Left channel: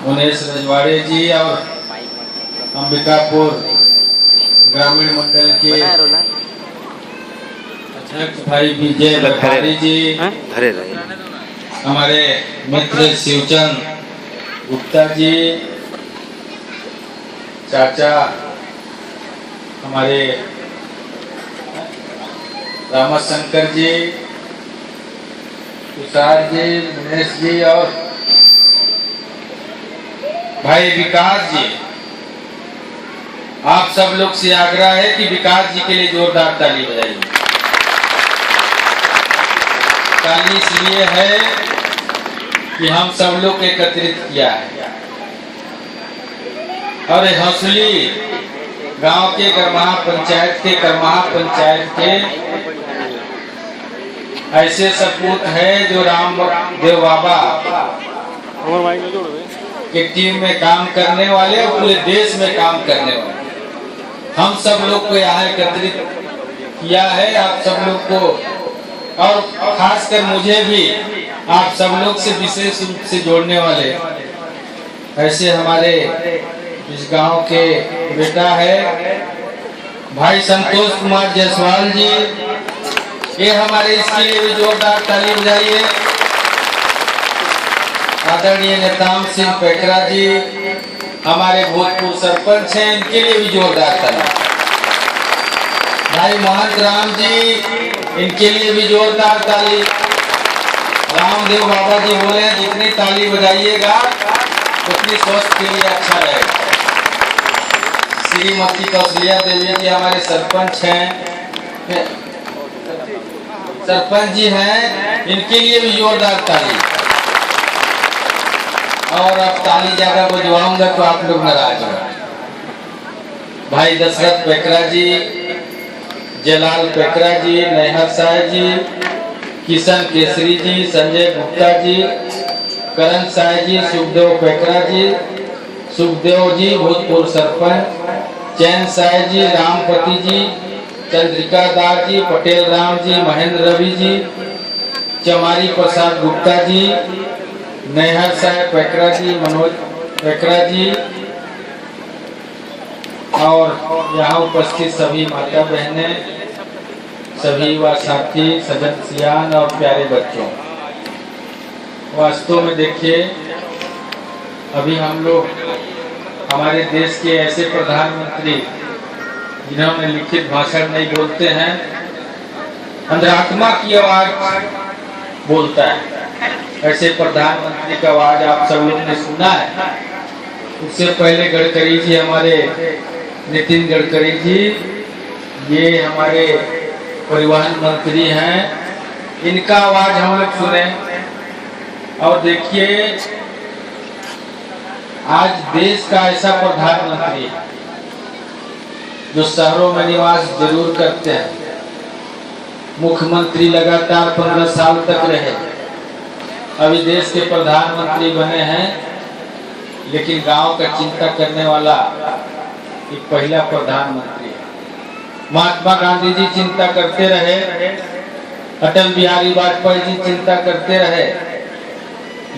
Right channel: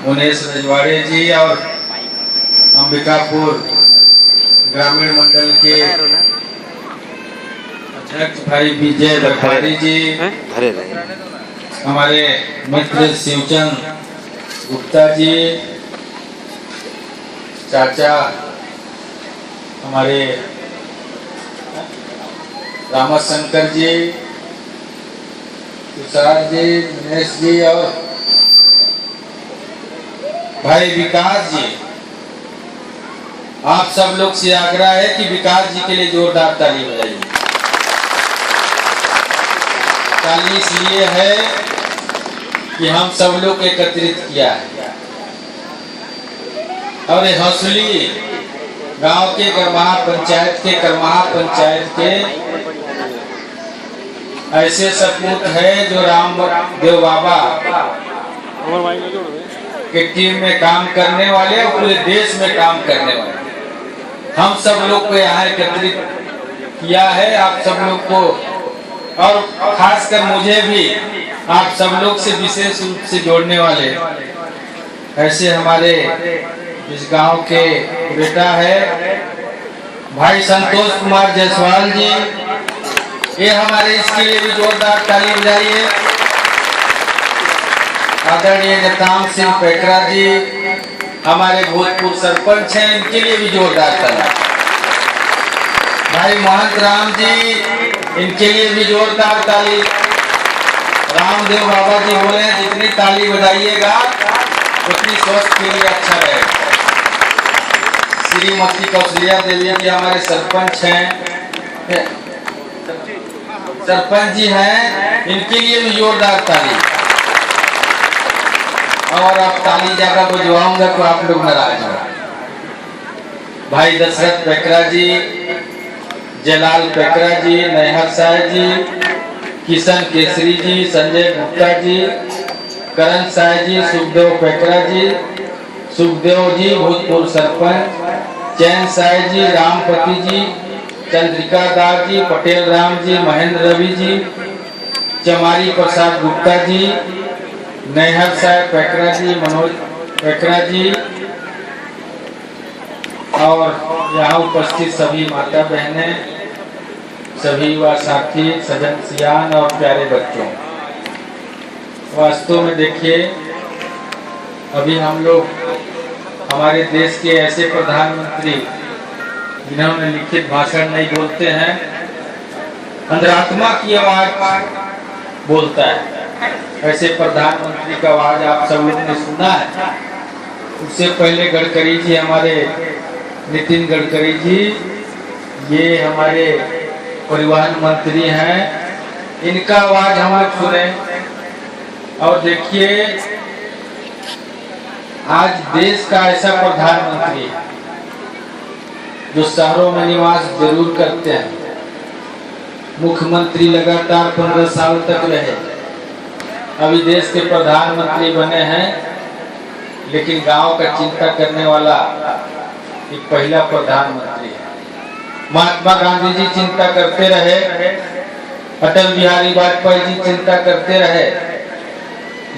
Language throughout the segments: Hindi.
मुनेश रजवाड़े जी और अंबिकापुर ग्रामीण मंडल के अध्यक्ष भाई विजय लखारी जी, हमारे मित्र शिवचंद गुप्ता जी, चाचा हमारे रामाशंकर जी, तुषार जी, दिनेश जी और भाई विकास जी, आप सब लोग से आग्रह है कि विकास जी के लिए जोरदार ताली बजाइए। ताली इसलिए है कि हम सब लोग एकत्रित किया है और हौसली गांव के करमाहा पंचायत के ऐसे सपूत है जो राम देव बाबा की टीम में काम करने वाले और पूरे देश में काम करने वाले हम सब लोग को यहाँ एकत्रित किया है। आप सब लोग को और खासकर मुझे भी आप सब लोग से विशेष रूप से जोड़ने वाले ऐसे हमारे इस गांव के बेटा है भाई संतोष कुमार जायसवाल जी, ये हमारे इसके लिए भी जोरदार ताली बजाइए। आदरणीय नेताम सिंह पेकरा जी हमारे भूतपूर्व सरपंच हैं, इनके लिए भी जोरदार ताली। भाई महंत राम जी, इनके लिए भी जोरदार ताली। रामदेव बाबा जी बोले जितनी ताली बजाइएगा उतनी स्वास्थ्य के लिए अच्छा रहेगा। श्रीमती कौशल्या देवी जी हमारे सरपंच हैं, सरपंच जी हैं, इनके लिए भी जोरदार ताली। और अब ताली ज्यादा बजवाऊंगा तो आप लोग नाराज हो। भाई दशरथ पेकरा जी, जलाल पेकरा जी, नैहर साय जी, किशन केसरी जी, संजय गुप्ता जी, करण साय जी, सुखदेव पेकरा जी, सुखदेव जी भूतपूर्व सरपंच, चैन साय जी, रामपति जी, चंद्रिका दास जी, पटेल राम जी, महेंद्र रवि जी, चमारी प्रसाद गुप्ता जी, नैहर साहब पेकरा जी, मनोज पेकरा जी और यहाँ उपस्थित सभी माता बहनें, सभी युवा साथी, सजन सियान और प्यारे बच्चों। वास्तव में देखिए अभी हम लोग हमारे देश के ऐसे प्रधानमंत्री जिन्होंने लिखित भाषण नहीं बोलते हैं, अंतरात्मा की आवाज बोलता है, ऐसे प्रधानमंत्री का आवाज आप सब लोग ने सुना है। उससे पहले गडकरी जी, हमारे नितिन गडकरी जी, ये हमारे परिवहन मंत्री हैं, इनका आवाज हम लोग सुने। और देखिए आज देश का ऐसा प्रधानमंत्री है जो शहरों में निवास जरूर करते हैं, मुख्यमंत्री लगातार 15 साल तक रहे, अभी देश के प्रधानमंत्री बने हैं, लेकिन गांव का चिंता करने वाला एक पहला प्रधानमंत्री है। महात्मा गांधी जी चिंता करते रहे, अटल बिहारी वाजपेयी जी चिंता करते रहे,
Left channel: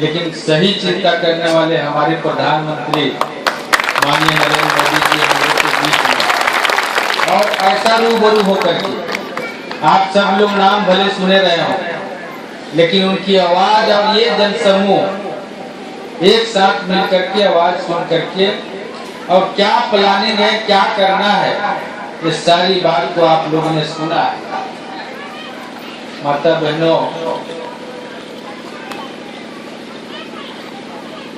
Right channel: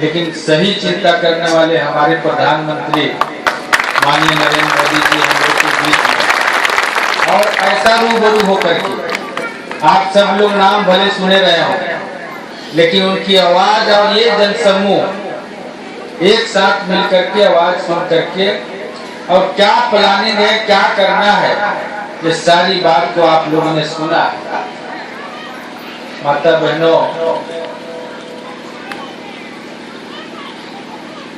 लेकिन सही चिंता करने वाले हमारे प्रधानमंत्री माननीय नरेंद्र मोदी जी हम लोग के बीच में। और ऐसा रूबरू होकर के आप सब लोग नाम भले सुने रहे हो, लेकिन उनकी आवाज और ये जनसमूह एक साथ मिलकर के आवाज सुन करके और क्या प्लानिंग है, क्या करना है, ये सारी बात को आप लोगों ने सुना है। माता बहनों,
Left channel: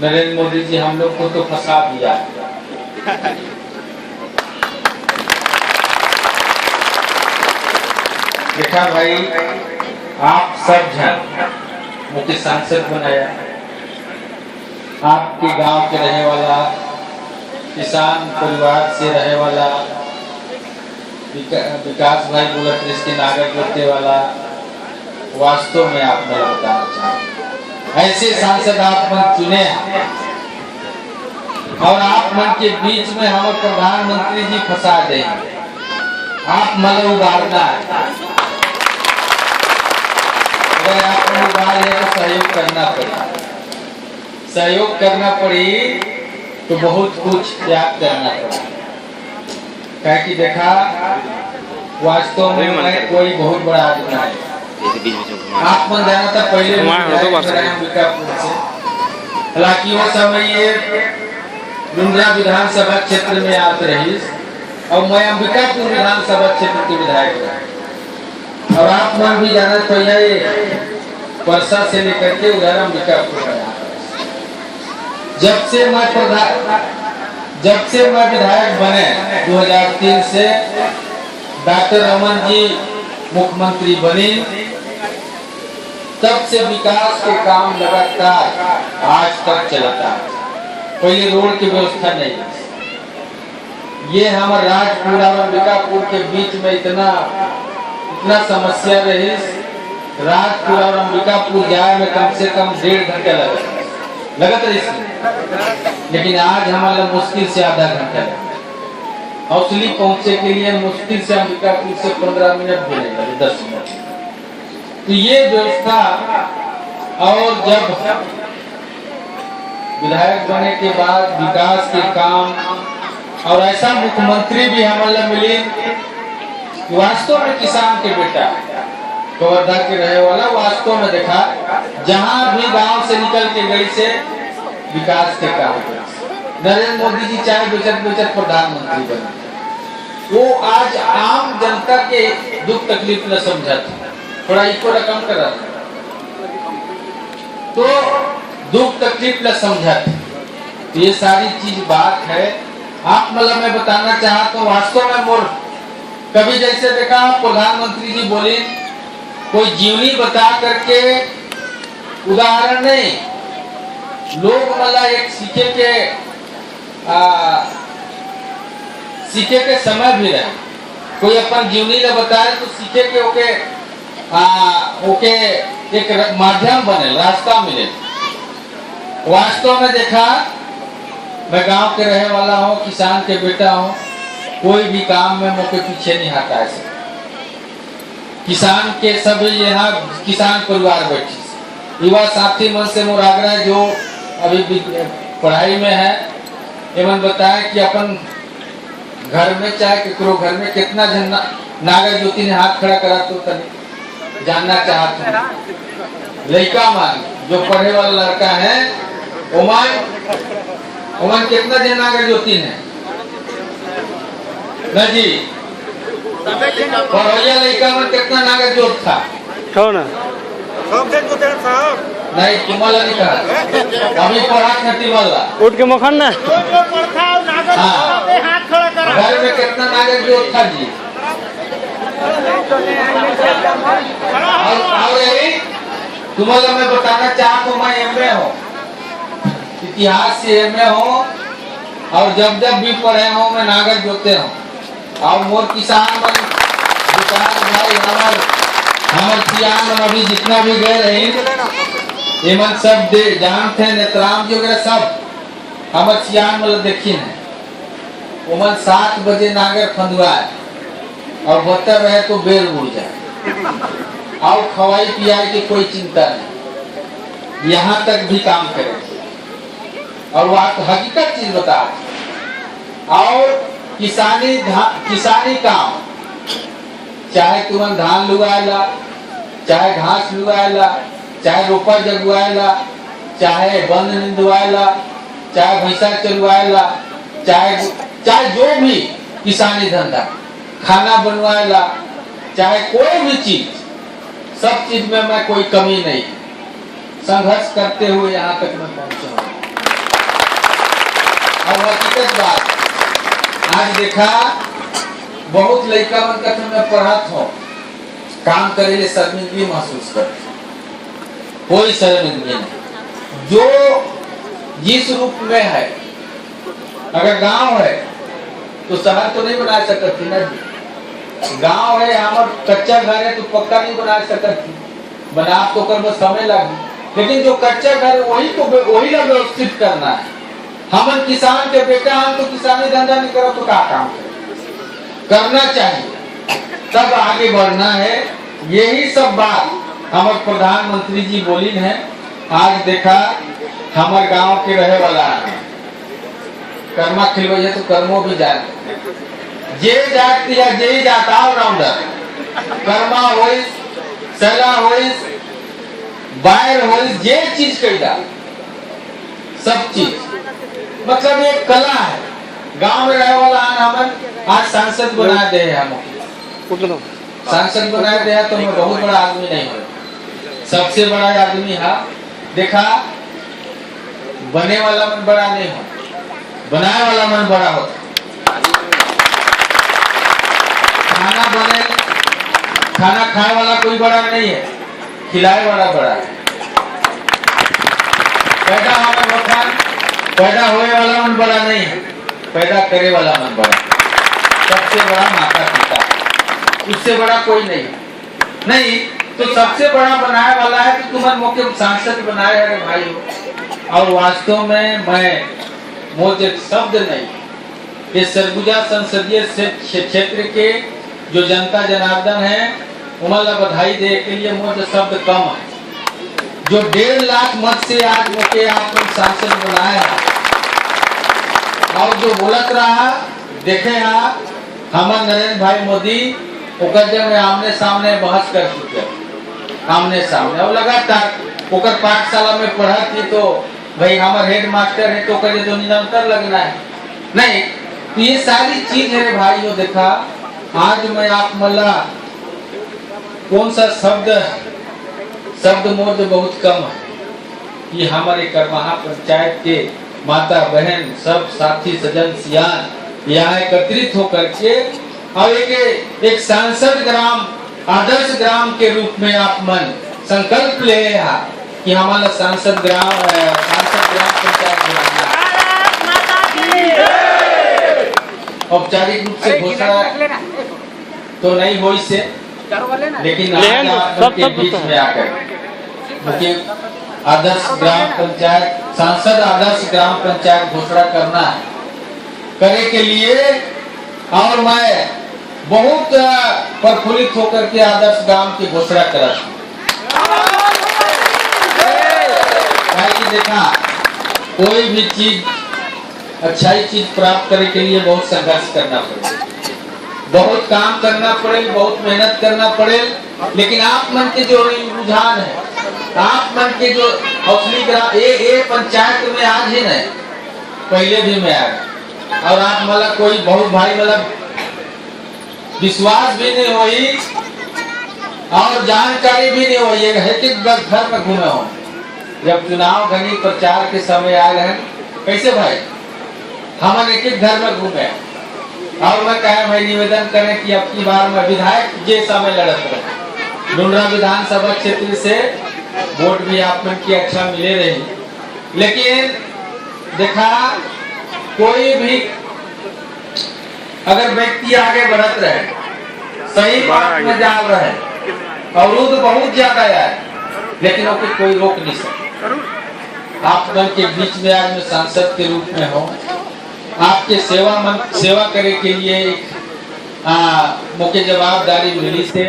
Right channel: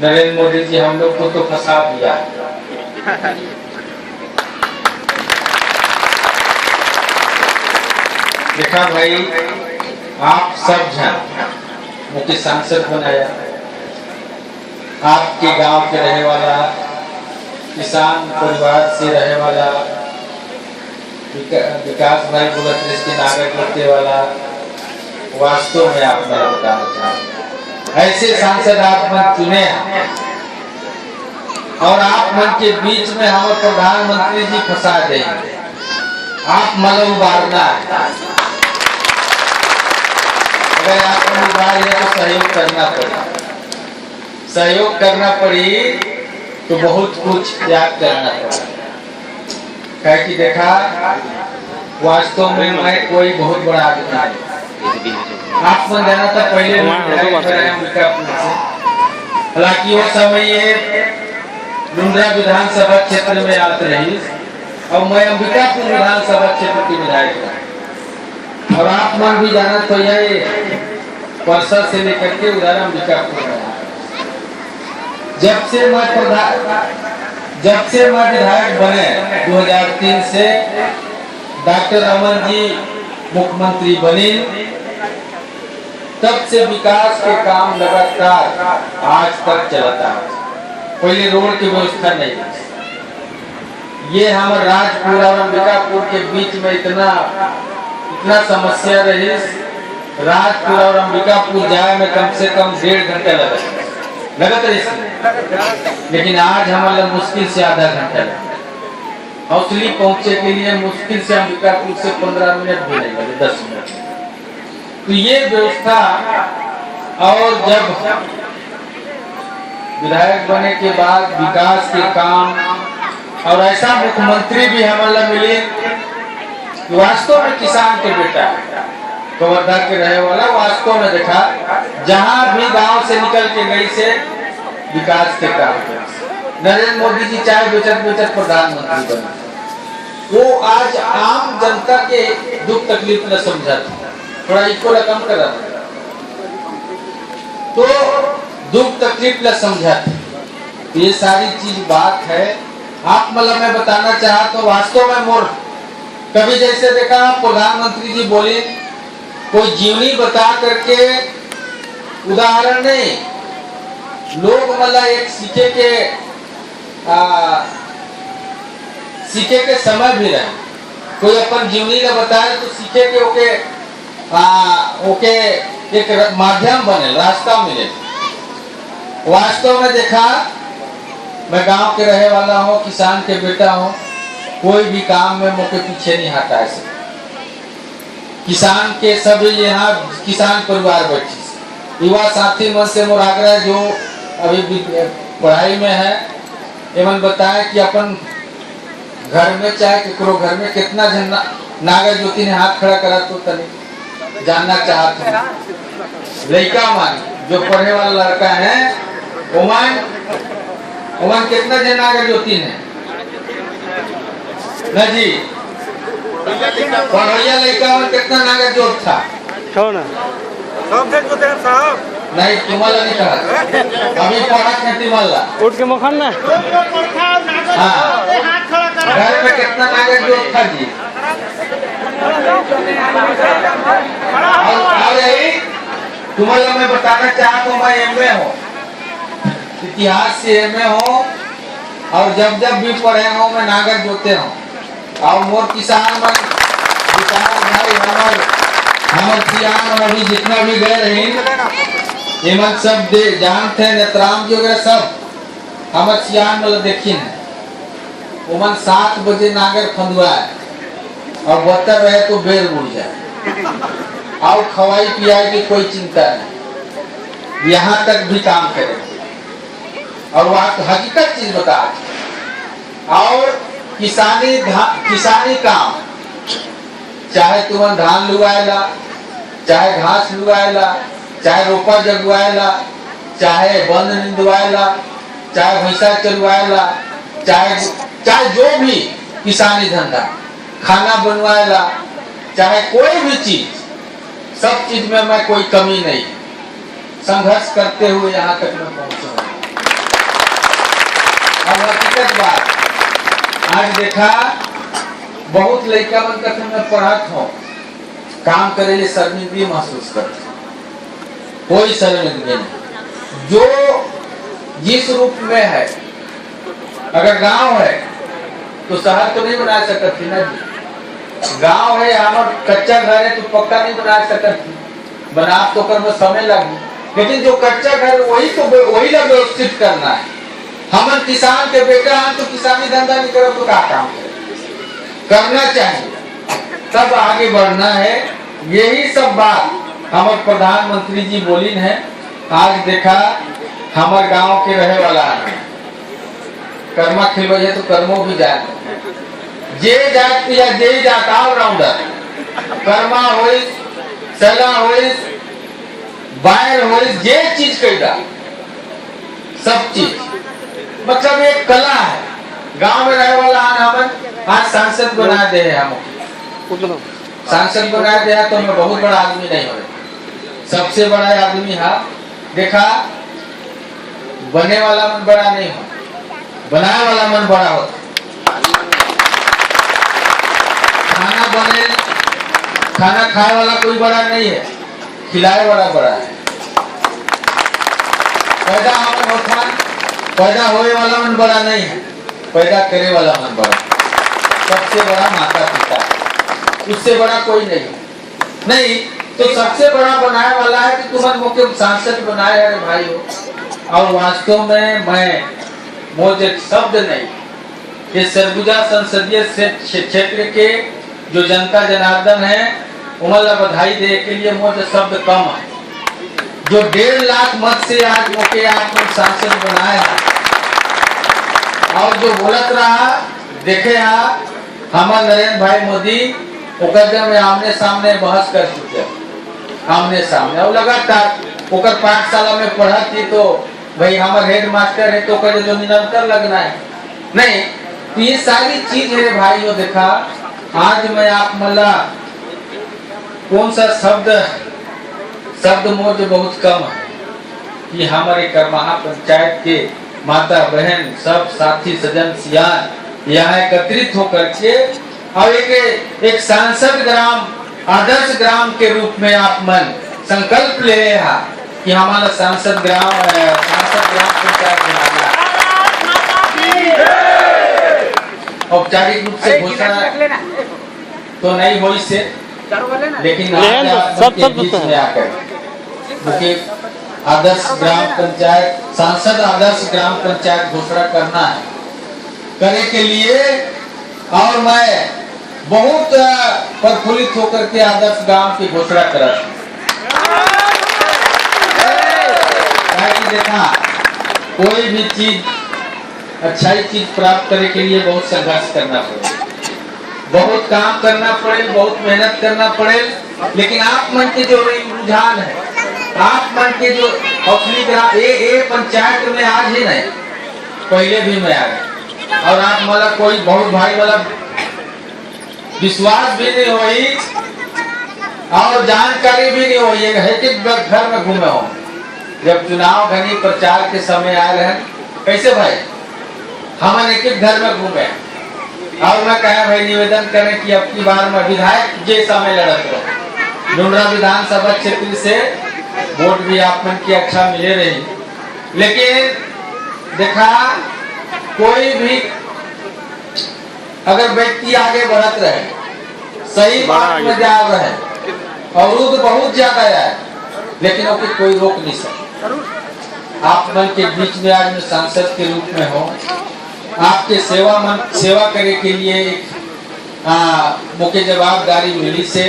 नरेंद्र मोदी जी हम लोग को तो फंसा दिया। देखा भाई, आप सब जन मुझे सांसद बनाया, आपके गांव के रहने वाला, किसान परिवार से रहने वाला, विकास भाई बोला इसके नागर लगने वाला, वास्तव में आप मैं बताना चाहूँगा ऐसे सांसद आप मन चुने और आप मन के बीच में हमारे प्रधानमंत्री जी फंसा देंगे। आप मन उबारना है, अगर आप उबार है तो सहयोग करना पड़ेगा। सहयोग करना पड़ी तो बहुत कुछ त्याग करना पड़ा। क्या कि देखा वास्तव में मैं कोई बहुत बड़ा आदमी नहीं। आप मन जाना था पहले अंबिकापुर से, हालांकि वो समय ये लुंड्रा विधानसभा क्षेत्र में आते रही और मैं अंबिकापुर विधानसभा क्षेत्र के विधायक था। और आप मन भी जाना तो ये परसा से लेकर के उधर अंबिकापुर में जब से मैं विधायक बने 2003 से डॉक्टर रमन जी मुख्यमंत्री बने, तब से विकास के काम लगातार आज तक चलता है। पहले रोड की व्यवस्था नहीं, ये हमारे राजपुर और अंबिकापुर के बीच में इतना समस्या रही। राजपुर और अंबिकापुर जाए में कम से कम 1.5 घंटा लगता इसमें, लेकिन आज हमारा मुश्किल से आधा घंटा लगा। हौसली पहुंचे के लिए मुश्किल से अंबिकापुर से 15 मिनट भी नहीं लगे, 10 मिनट। तो ये व्यवस्था, और जब विधायक बने के बाद विकास के काम, और ऐसा मुख्यमंत्री भी हमारा मिले वास्तव में किसान के बेटा कवर्धा के रहे वाला, वास्तव में देखा जहां भी गांव से निकल के गई से विकास के काम कर। नरेंद्र मोदी जी चाहे बेचत प्रधानमंत्री बने, वो आज आम जनता के दुख तकलीफ न समझा था, थोड़ा इसको रकम करा तो दुख तकलीफ न समझा था। ये सारी चीज बात है। आप मतलब मैं बताना चाहा तो वास्तव में मोर कभी जैसे देखा प्रधानमंत्री जी बोले कोई जीवनी बता करके उदाहरण नहीं, लोग मतलब एक सीखे के समय भी रहे। कोई अपन जीवनी न बताए तो सीखे के ओके एक माध्यम बने, रास्ता मिले। वास्तव में देखा मैं गांव के रहे वाला हूँ, किसान के बेटा हूँ, कोई भी काम में मुझे पीछे नहीं हटा है। किसान के सभी यहाँ किसान परिवार बैठी, युवा साथी मन से मोर आग्रह जो अभी पढ़ाई में है, एवं बताए कि अपन घर में चाहे केकरो घर में कितना जन नागर ज्योति ने हाथ खड़ा करा तो तनी जानना चाहता हूँ। लड़का मान जो पढ़े वाला लड़का है ओमान कितना जन नागर ज्योति ने न जी पढ़ैया लड़का में कितना नागर ज्योत था ना नहीं तुम्हारा नहीं कहा, अभी पढ़ा खेती वाला उठ के मखन ना हाँ घर में कितना नागर ज्योत था जी। तुम्हारा मैं बताना चाहता हूँ, मैं एमए हूँ, इतिहास से एमए हूँ, और जब भी पढ़े हूँ मैं नागर जोते हूँ। और मोर किसान भाई हमार किसान अभी जितना भी गए रहे एमन सब जानते हैं, नेत्राम जी वगैरह सब हमार सियान मतलब देखिए है। ओमन 7 बजे नागर फंदवाए और बतर रहे तो बेल उड़ जाए, और खवाई पियाई की कोई चिंता नहीं, यहाँ तक भी काम करेंगे। और वो आपको हकीकत चीज बता, और किसानी काम चाहे तुम धान लुगाएला, चाहे घास लुगाएला, चाहे रोपा जगवाएला, चाहे बंद निंदवाएला, चाहे भैंसा चलवाएला, चाहे जो भी किसानी धंधा, खाना बनवाएला, चाहे कोई भी चीज, सब चीज में मैं कोई कमी नहीं, संघर्ष करते हुए यहाँ तक मैं पहुंचा। अब हकीकत बात आज देखा बहुत लड़का मन तक मैं पढ़ात हूँ, काम करे लिए शर्मिंदगी महसूस करते, कोई शर्मिंदगी नहीं। जो जिस रूप में है, अगर गांव है तो शहर तो नहीं बना सकती ना जी। गांव है हमार कच्चा घर है तो पक्का नहीं बना सकती, बना तो कर में समय लगी, लेकिन जो कच्चा घर है वही लग व्यवस्थित करना है। हम किसान के बेटा हैं तो किसानी धंधा नहीं करो तो क्या काम करना चाहिए, तब आगे बढ़ना है। यही सब बात हमारे प्रधानमंत्री जी बोली है। आज देखा हमारे गांव के रहे वाला कर्मा खिलवे है तो कर्मो भी जात जे जात या जे जात ऑलराउंडर कर्मा होई सगा होई बायर होई जे चीज कईदा सब चीज मतलब एक कला है। गांव में रहे वाला हमन आज सांसद बना दे हम सांसद बना दिया तो मैं बहुत बड़ा आदमी नहीं हूँ, सबसे बड़ा आदमी है। देखा बने वाला मन बड़ा नहीं है, बनाए वाला मन बड़ा होता। खाना बने खाना खाए वाला कोई बड़ा नहीं है, खिलाए वाला बड़ा है। पैदा होने वाला मन बड़ा नहीं है, पैदा करे वाला मन बड़ा। सबसे बड़ा माता पिता, उससे बड़ा कोई नहीं नहीं तो सबसे बड़ा बनाए वाला है कि तुम्हारे मुख्य सांसद बनाए है भाई हो। और वास्तव में मैं मुझे शब्द नहीं, ये सरगुजा संसदीय क्षेत्र के जो जनता जनार्दन है उमला बधाई दे के लिए मुझे शब्द कम है। जो 1.5 लाख मत से आज मौके आपको सांसद बनाया और जो बोलत रहा देखे हमारे नरेंद्र भाई मोदी में आमने सामने बहस कर चुके आमने सामने और लगातार ओकर पाठशाला में पढ़ा थी तो भाई हमारे हेड मास्टर है तो करे जो निरंतर लगना है नहीं तो ये सारी चीज है भाई। वो देखा आज मैं आप मला कौन सा शब्द मुझे बहुत कम है। ये हमारे करमाहा पंचायत के माता बहन सब साथी सजन सियान यहाँ एकत्रित होकर के और एक सांसद ग्राम आदर्श ग्राम के रूप में आप मन संकल्प ले कि हमारा सांसद ग्राम पंचायत बनाना। औपचारिक रूप से घोषणा तो नहीं हुई से, लेकिन आज आपके बीच में आकर मुख्य आदर्श ग्राम पंचायत सांसद आदर्श ग्राम पंचायत घोषणा करना है करे के लिए। और मैं बहुत प्रफुल्लित होकर के आदर्श ग्राम की घोषणा करा। देखा कोई भी चीज अच्छाई चीज प्राप्त करने के लिए बहुत संघर्ष करना पड़े, बहुत काम करना पड़े, बहुत मेहनत करना पड़े। लेकिन आप मन के जो रुझान है, आप मन के जो असली ग्राम ये पंचायत में आज ही नहीं पहले भी मैं आ गया और आप मला कोई बहुत भाई वाला विश्वास भी नहीं हुई और जानकारी भी नहीं हुई है कि घर में घूमे हो। जब चुनाव घनी प्रचार के समय आए रहे कैसे भाई हम एक घर में घूमे और मैं कहा भाई निवेदन करें कि अब की बार में विधायक जैसा मैं लड़त रहा डुंडरा विधानसभा क्षेत्र से वोट भी आप मन की अच्छा मिले रही। लेकिन देखा कोई भी अगर व्यक्ति आगे बढ़त रहे सही बात में जा रहे अवरुद्ध बहुत ज्यादा है लेकिन ओके कोई रोक नहीं सकता। आप मन के बीच में आज मैं सांसद के रूप में हो, आपके सेवा करे के लिए मुझे जवाबदारी मिली से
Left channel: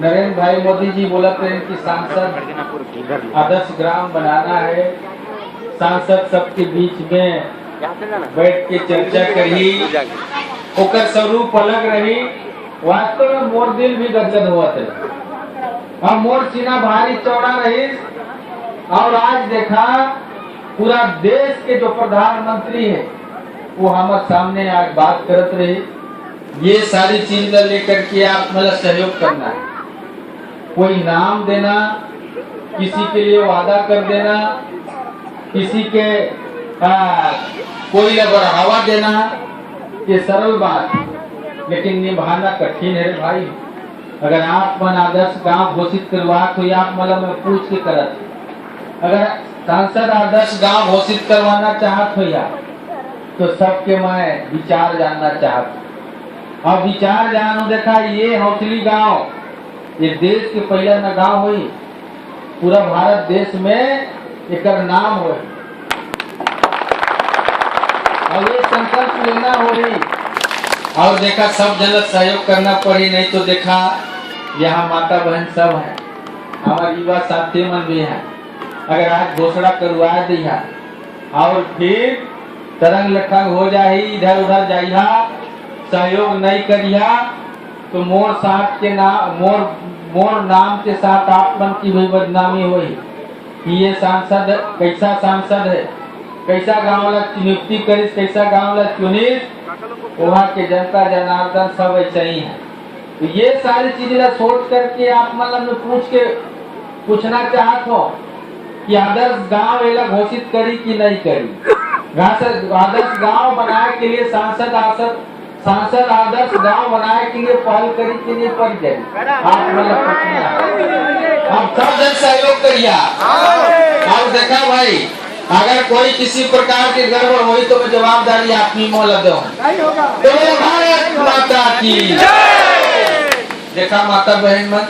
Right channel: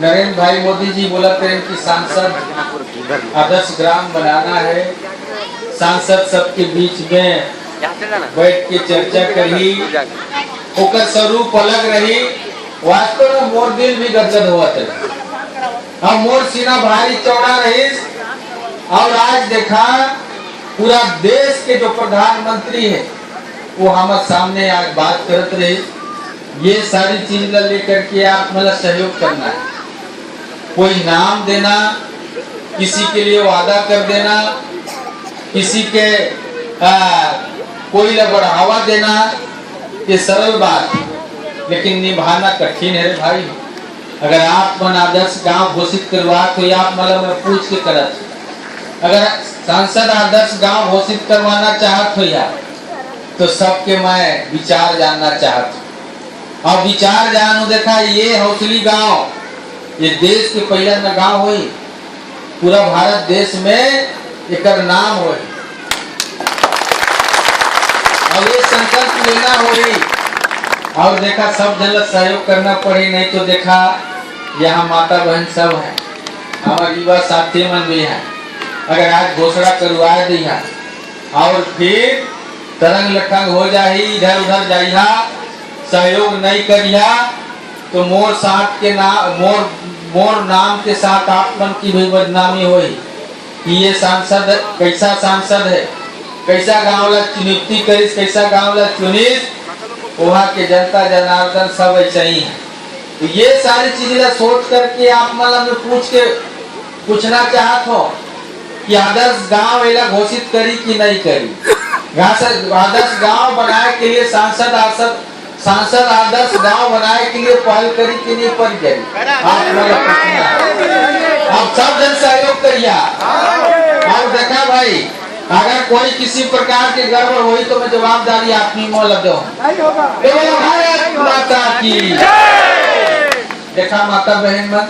नरेंद्र भाई मोदी जी बोला करें कि सांसद आदर्श ग्राम बनाना है, सांसद सबके बीच में बैठ के चर्चा करी, ओकर स्वरूप अलग रही। वास्तव में मोर दिल भी गदगद हुआ था, मोर सीना भारी चौड़ा रही। और आज देखा पूरा देश के जो प्रधानमंत्री है वो हमारे सामने आज बात करते रहे। ये सारी चीज लेकर के आप मतलब सहयोग करना है, कोई नाम देना, किसी के लिए वादा कर देना, किसी के कोई बढ़ावा देना, ये सरल बात है लेकिन निभाना कठिन है भाई। अगर आप मन आदर्श गांव घोषित करवा तो आप मतलब मैं पूछ के करत, अगर सांसद आदर्श गांव घोषित करवाना चाहत हो यार तो सबके मैं विचार जानना चाहत हूँ। और विचार जानो देखा ये हौसली गांव ये देश के पहला न गांव हुई, पूरा भारत देश में एक नाम हुई और ये संकल्प लेना हुई। और देखा सब जन सहयोग करना पड़ी, नहीं तो देखा यहाँ माता बहन सब है, हमारे युवा साथी मन भी है अगर आज घोषणा करवा दिया और फिर तरंग लखंग हो जाही, इधर उधर जाइया, सहयोग नहीं करिया, तो मोर साथ के नाम मोर नाम के साथ आप मन की भी बदनामी हुई कि ये सांसद कैसा सांसद है, कैसा गांव ला नियुक्ति करिस, कैसा गांव ला चुनिस, वहाँ के जनता जनार्दन सब ऐसा ही है। तो ये सारी चीजें सोच करके आप मतलब पूछना चाहत हो कि आदर्श गांव एला घोषित करी कि नहीं करी। आदर्श गांव बनाए के लिए सांसद आदर्श गांव बनाए के लिए पहल करी कि नहीं पर करी। आप सब जन सहयोग करिए। और देखा भाई, अगर कोई किसी प्रकार की गड़बड़ हुई तो मैं जवाबदारी आपकी में लगे हूँ। तो भारत माता की देखा माता बहन मन,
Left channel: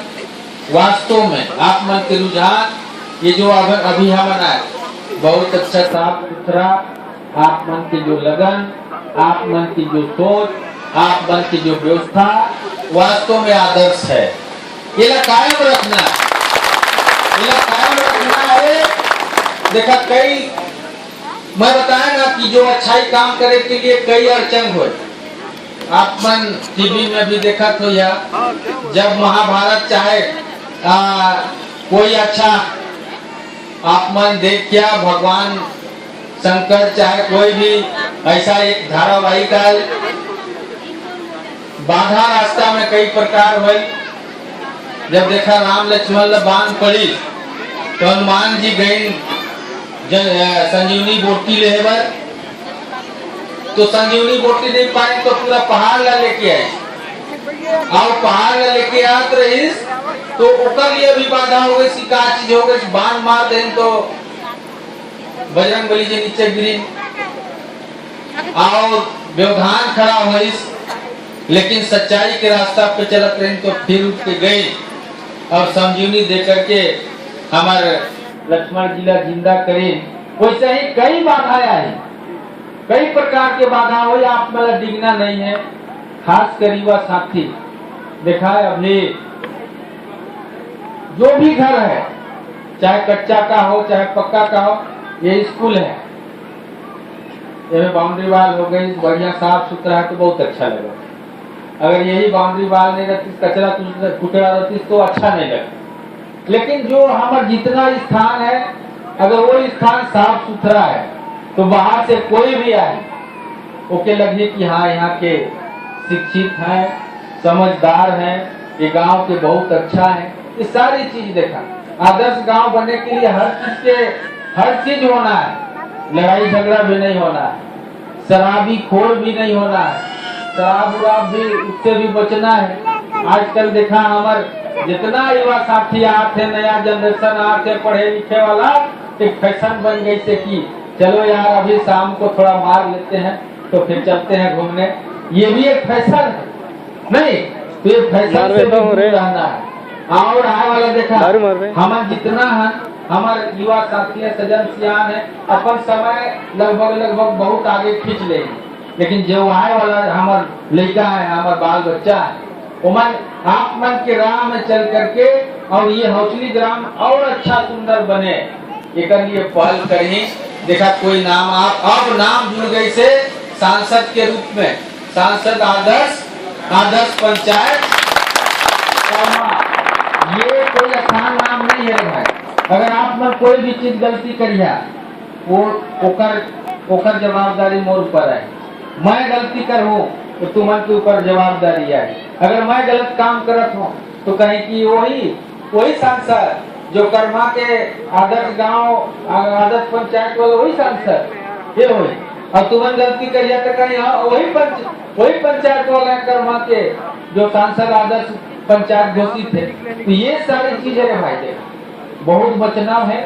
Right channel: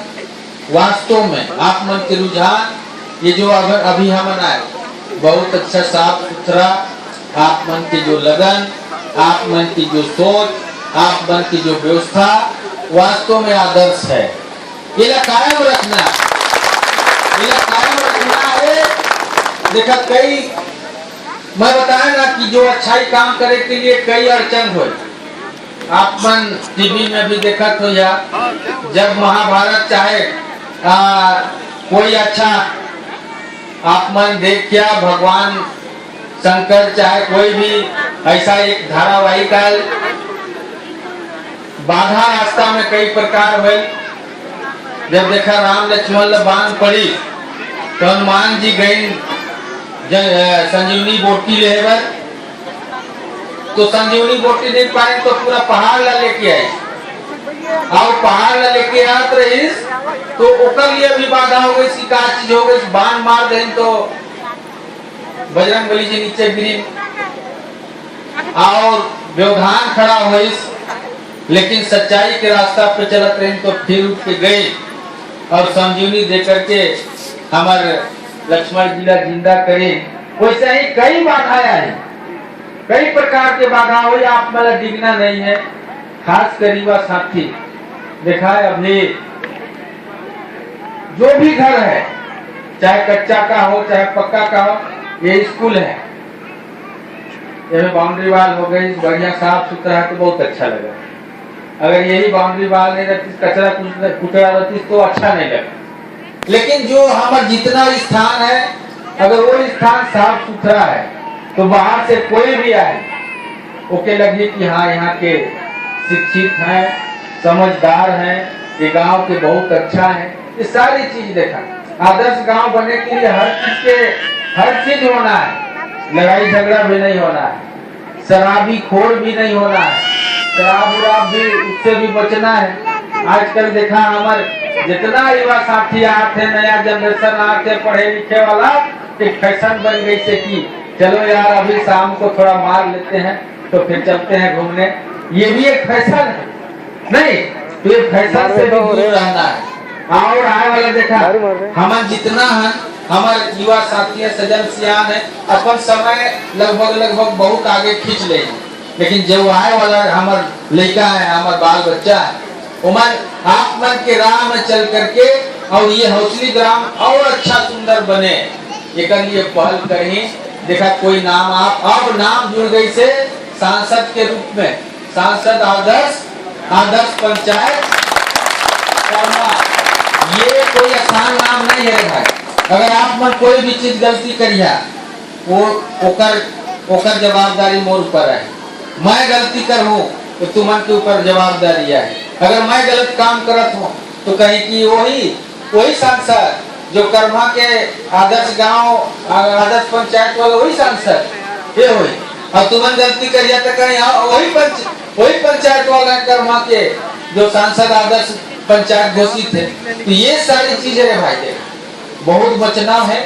वास्तव में आप मन के रुझान ये जो अभी हम आए बहुत अच्छा साफ सुथरा, आप मन की जो लगन, आप मन की जो सोच, आप मन की जो व्यवस्था वास्तव में आदर्श है। ये कायम रखना है। देखा कई मैं बताया ना कि जो अच्छाई काम करे के लिए कई अड़चन हुए। आप मन टीवी में भी देखा तो या जब महाभारत चाहे कोई अच्छा आप मन देख क्या भगवान शंकर चाहे कोई भी ऐसा एक धारावाहिक आयल, बाधा रास्ता में कई प्रकार हुई। जब देखा राम लक्ष्मण बांध पड़ी तो हनुमान जी गए संजीवनी बोटी ले, तो संजीवनी बोटी नहीं पाए तो पूरा पहाड़ ला लेके आए, और पहाड़ ला लेके आत रही तो ओकर लिए भी बाधा हो गई, का चीज हो गई, बाण मार दे तो बजरंगबली जी नीचे गिरी और व्यवधान खड़ा हुई। लेकिन सच्चाई के रास्ता पे चलत रहे तो फिर उठ के गए और संजीवनी देकर के हमारे लक्ष्मण जी ला जिंदा करे। वैसे ही कई बाधाएं आई, कई प्रकार के बाधा हुई, आप मतलब डिगना नहीं है। खास करीबा साथी देखा है अभी जो भी घर है, चाहे कच्चा का हो चाहे पक्का का हो, ये स्कूल है, ये बाउंड्री वाल हो गई, बढ़िया साफ सुथरा है तो बहुत अच्छा लगा। अगर यही बाउंड्री वाल नहीं रहती, कचरा कुचरा रहती तो अच्छा नहीं लगा। लेकिन जो हमारा जितना स्थान है, अगर वो स्थान साफ सुथरा है तो बाहर से कोई भी आए ओके लगे कि हाँ यहाँ के शिक्षित हैं, समझदार हैं, ये गांव के बहुत अच्छा है। ये सारी चीज देखा। आदर्श गांव बनने के लिए हर चीज होना है। लड़ाई झगड़ा भी नहीं होना है, शराबी खोर भी नहीं होना है, शराब भी उससे भी बचना है। आजकल देखा हमारे जितना युवा साथी आते, नया जनरेशन आते, पढ़े लिखे वाला, एक फैशन बन गई से कि चलो यार अभी शाम को थोड़ा मार लेते हैं तो फिर चलते हैं घूमने। ये भी एक फैशन है नहीं, तो ये फैशन से भी दूर रहना है। और आए वाला देखा हम जितना है हमारे युवा साथी सजन सियान है, अपन समय लगभग बहुत आगे खींच ले, लेकिन जो आए वाला हमार लड़का है, हमार बाल बच्चा है, उमन आप मन के राह में चल करके और ये हौसली ग्राम और अच्छा सुंदर बने, एक लिए पहल करी। देखा कोई नाम आप अब नाम जुड़ गई से सांसद के रूप में, सांसद आदर्श पंचायत। ये कोई आसान नाम नहीं है भाई। अगर आप मन कोई भी चीज गलती करिया वो ओकर जवाबदारी मोर ऊपर है। मैं गलती करूँ तो तुम्हारे के ऊपर जवाबदारी है। अगर मैं गलत काम करत हूँ तो कहीं की वही सांसद जो कर्मा के आदर्श गांव आदर्श पंचायत वाले वही सांसद ये हुई, और तुम्हें गलती करिया तो कहीं वही पंचायत वाला कर्मा के जो सांसद आदर्श पंचायत घोषित है। तो ये सारी चीजें है भाई, देख बहुत बचना है,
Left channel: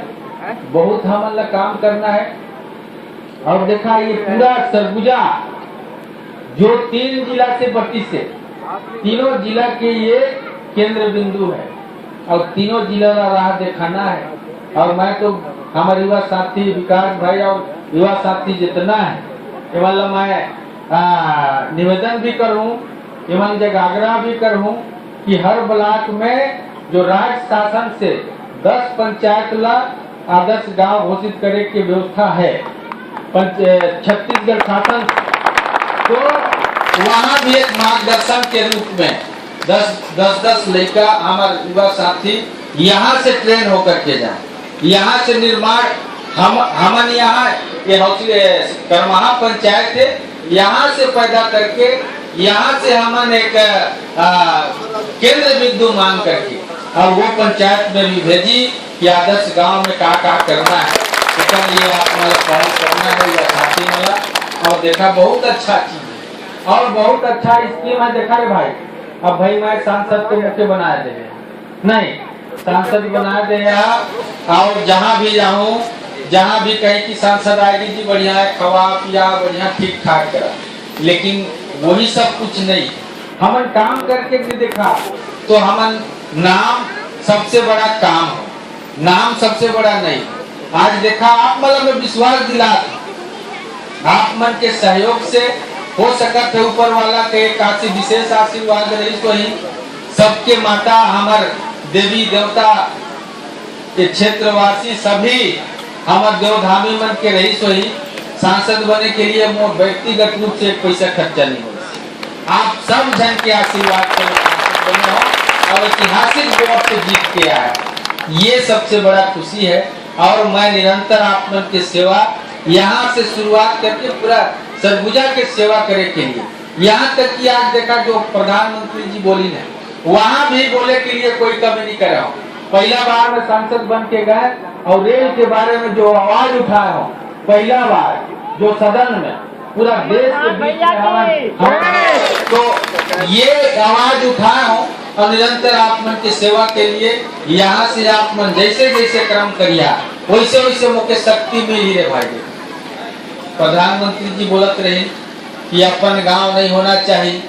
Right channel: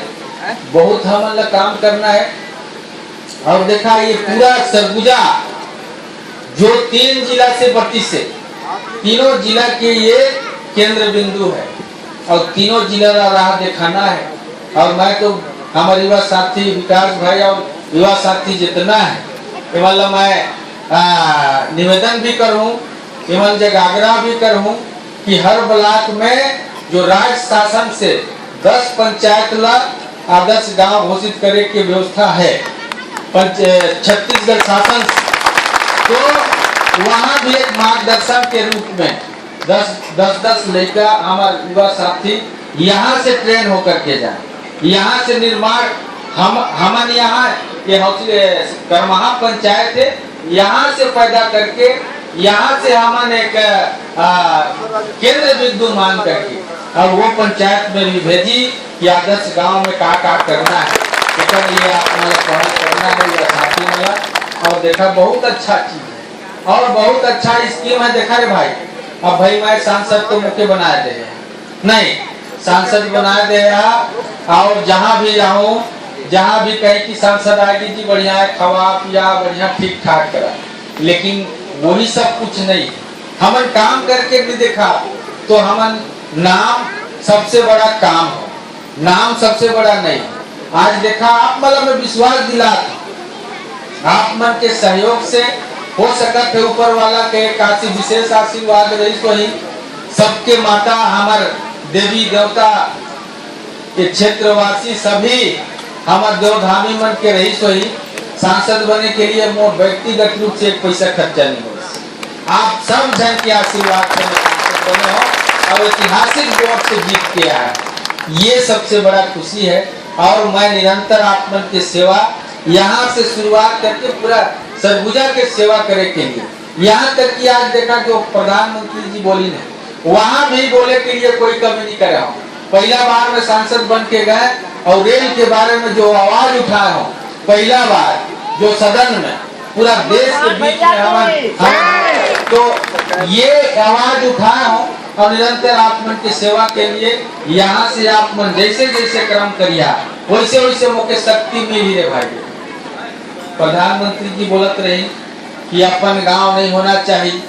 बहुत हमें काम करना है। और देखा ये पूरा सरगुजा जो 3 जिला से 32 है, तीनों जिला के ये केंद्र बिंदु है और तीनों जिला का राह दिखाना है। और मैं तो हमारे युवा साथी विकास भाई और युवा साथी जितना है ये वाला मैं निवेदन भी करूं, एवं जगाग्रह भी करूं कि हर ब्लॉक में जो राज्य शासन से 10 पंचायत ला आदर्श गांव घोषित करे की व्यवस्था है छत्तीसगढ़ शासन, तो वहाँ भी एक मार्गदर्शन के रूप में 10 लड़का हमारे युवा साथी यहाँ से ट्रेन होकर के जाए, यहाँ से निर्माण हमन यहाँ ये करमहा पंचायत है, यहाँ से पैदा करके यहाँ से हमन एक केंद्र बिंदु मान करके और वो पंचायत में भी भेजी कि आदर्श गांव में का करना है, तो ये अपना पढ़ाई करना है या साथी वाला। और देखा बहुत अच्छा चीज है और बहुत अच्छा स्कीम है। देखा रे भाई, अब भाई मैं सांसद को मुख्य बना दे नहीं, सांसद बना दे और जहाँ भी जाऊँ, जहाँ भी कहे कि सांसद आएगी जी बढ़िया है, खवा पिया बढ़िया ठीक ठाक करा, लेकिन वही सब कुछ नहीं। हमन काम करके भी देखा तो हमन नाम सबसे बड़ा काम है, नाम सबसे बड़ा नहीं। आज देखा आप मतलब में विश्वास दिला, आप मन के सहयोग से हो सकत है ऊपर वाला के काशी विशेष आशीर्वाद रही, वही सबके माता हमार देवी देवता के क्षेत्रवासी सभी हमार देवधामी मन के रही, वही सांसद बनने के लिए मोर व्यक्तिगत रूप से एक पैसा खर्चा नहीं हो। आप सब जन के आशीर्वाद से सांसद बने हो और ऐतिहासिक वोट से जीत के आया, ये सबसे बड़ा खुशी है। और मैं निरंतर आप मन की सेवा यहाँ से शुरुआत करके पूरा सरगुजा के सेवा करे के लिए, यहाँ तक कि आज देखा जो प्रधानमंत्री जी बोली ने वहाँ भी बोले के लिए कोई कमी नहीं करा हूँ। पहला बार में सांसद बन के गए और रेल के बारे में जो आवाज उठाया हूँ, पहला बार जो सदन में पूरा देश के बीच में तो ये आवाज उठाया हूँ और निरंतर आप मन की सेवा के लिए यहाँ से आप मन जैसे जैसे कर्म करिया वैसे वैसे मुख्य शक्ति मिली है। भाई प्रधानमंत्री जी बोलत रही कि अपन गांव नहीं होना चाहिए,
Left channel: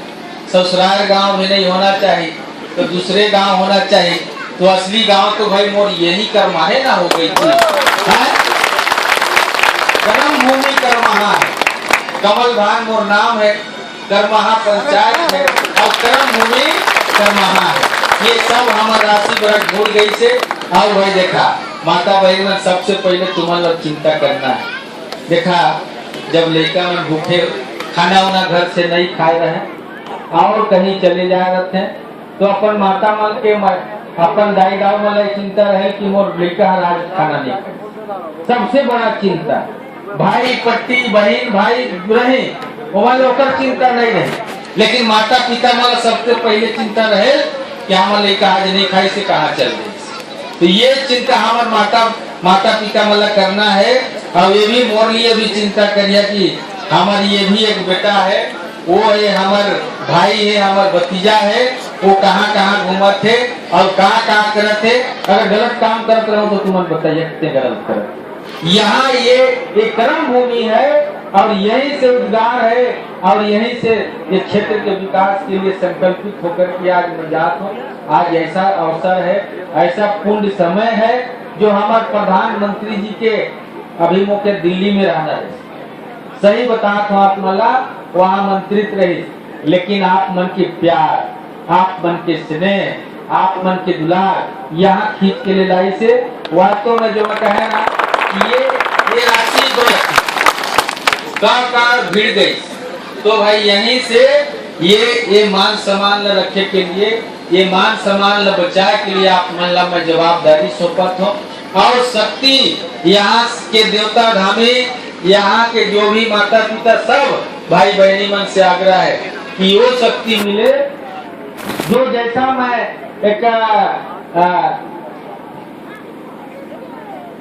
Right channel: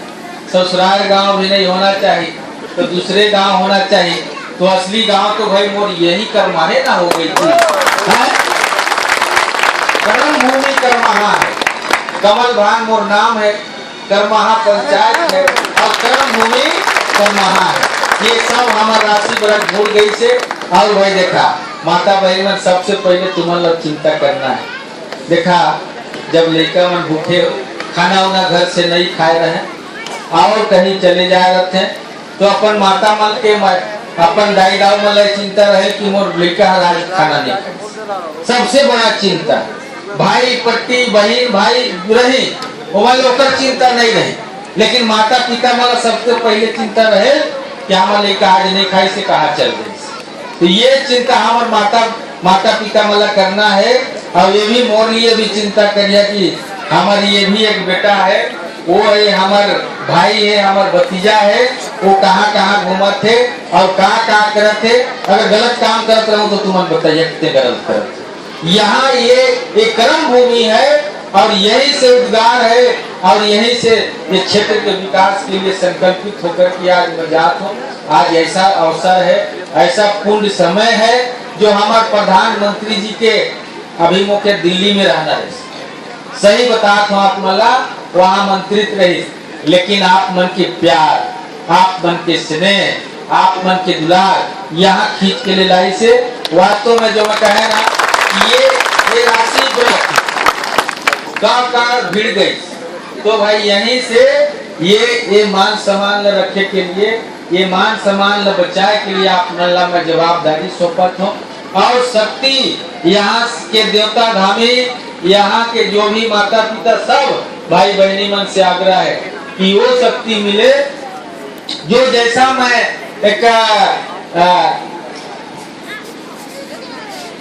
ससुराल गांव भी नहीं होना चाहिए, तो दूसरे गांव होना चाहिए। तो असली गांव तो भाई मोर यही करमाहे ना हो गई थी, कर्म भूमि करमहा है, कमल भान मोर नाम है, करमहा पंचायत है और कर्म भूमि करमहा है। ये सब हमारे राशि बरक भूल गई से। और भाई देखा माता बहन में सबसे पहले तुम्हारा चिंता करना है। देखा जब लड़का मन भूखे खाना वाना घर से नहीं खाए रहे और कहीं चले जा रहे थे तो अपन माता मन के अपन दाई दाऊ मन चिंता रहे कि मोर लड़का आज खाना नहीं खाए, सबसे बड़ा चिंता। भाई पट्टी बहन भाई रहे ओकर चिंता नहीं रहे, लेकिन माता पिता वाला सबसे पहले चिंता रहे कि हमारे लड़का आज नहीं खाई से कहाँ चल गई। तो ये चिंता हमारे माता पिता वाला करना है। और ये भी मोर लिए भी चिंता करिए कि हमारे ये भी एक बेटा है, वो है हमारे भाई है, हमारे भतीजा है, वो कहाँ कहाँ घूमत थे और कहाँ करत थे। अगर गलत काम करते रहो तो तुम्हें बताइए कितने गलत करते। यहाँ ये कर्म भूमि है और यही से उद्गार है और यही से ये क्षेत्र के विकास के लिए संकल्पित होकर के आज मैं जात हूँ। आज ऐसा अवसर है, ऐसा पूर्ण समय है जो हमारे प्रधानमंत्री जी के अभिमुख दिल्ली में रहना है। सही बताता हूँ आप मला वहाँ मंत्रित रही, लेकिन आप मन के प्यार, आप मन के स्नेह, आप मन के दुलार यहाँ खींच के ले लाई से वास्तव में जो मैं कहे ना ये राशि गाँव भिड़ गई। तो भाई यहीं से ये मान सम्मान न रखे के लिए, ये मान सम्मान न बचाए के लिए आप मन ला मैं जवाबदारी सौंपत हूँ। और शक्ति यहाँ के देवता धामी, यहाँ के जो भी माता पिता सब भाई बहनी मन से आग्रह है कि वो शक्ति मिले जो जैसा मैं एक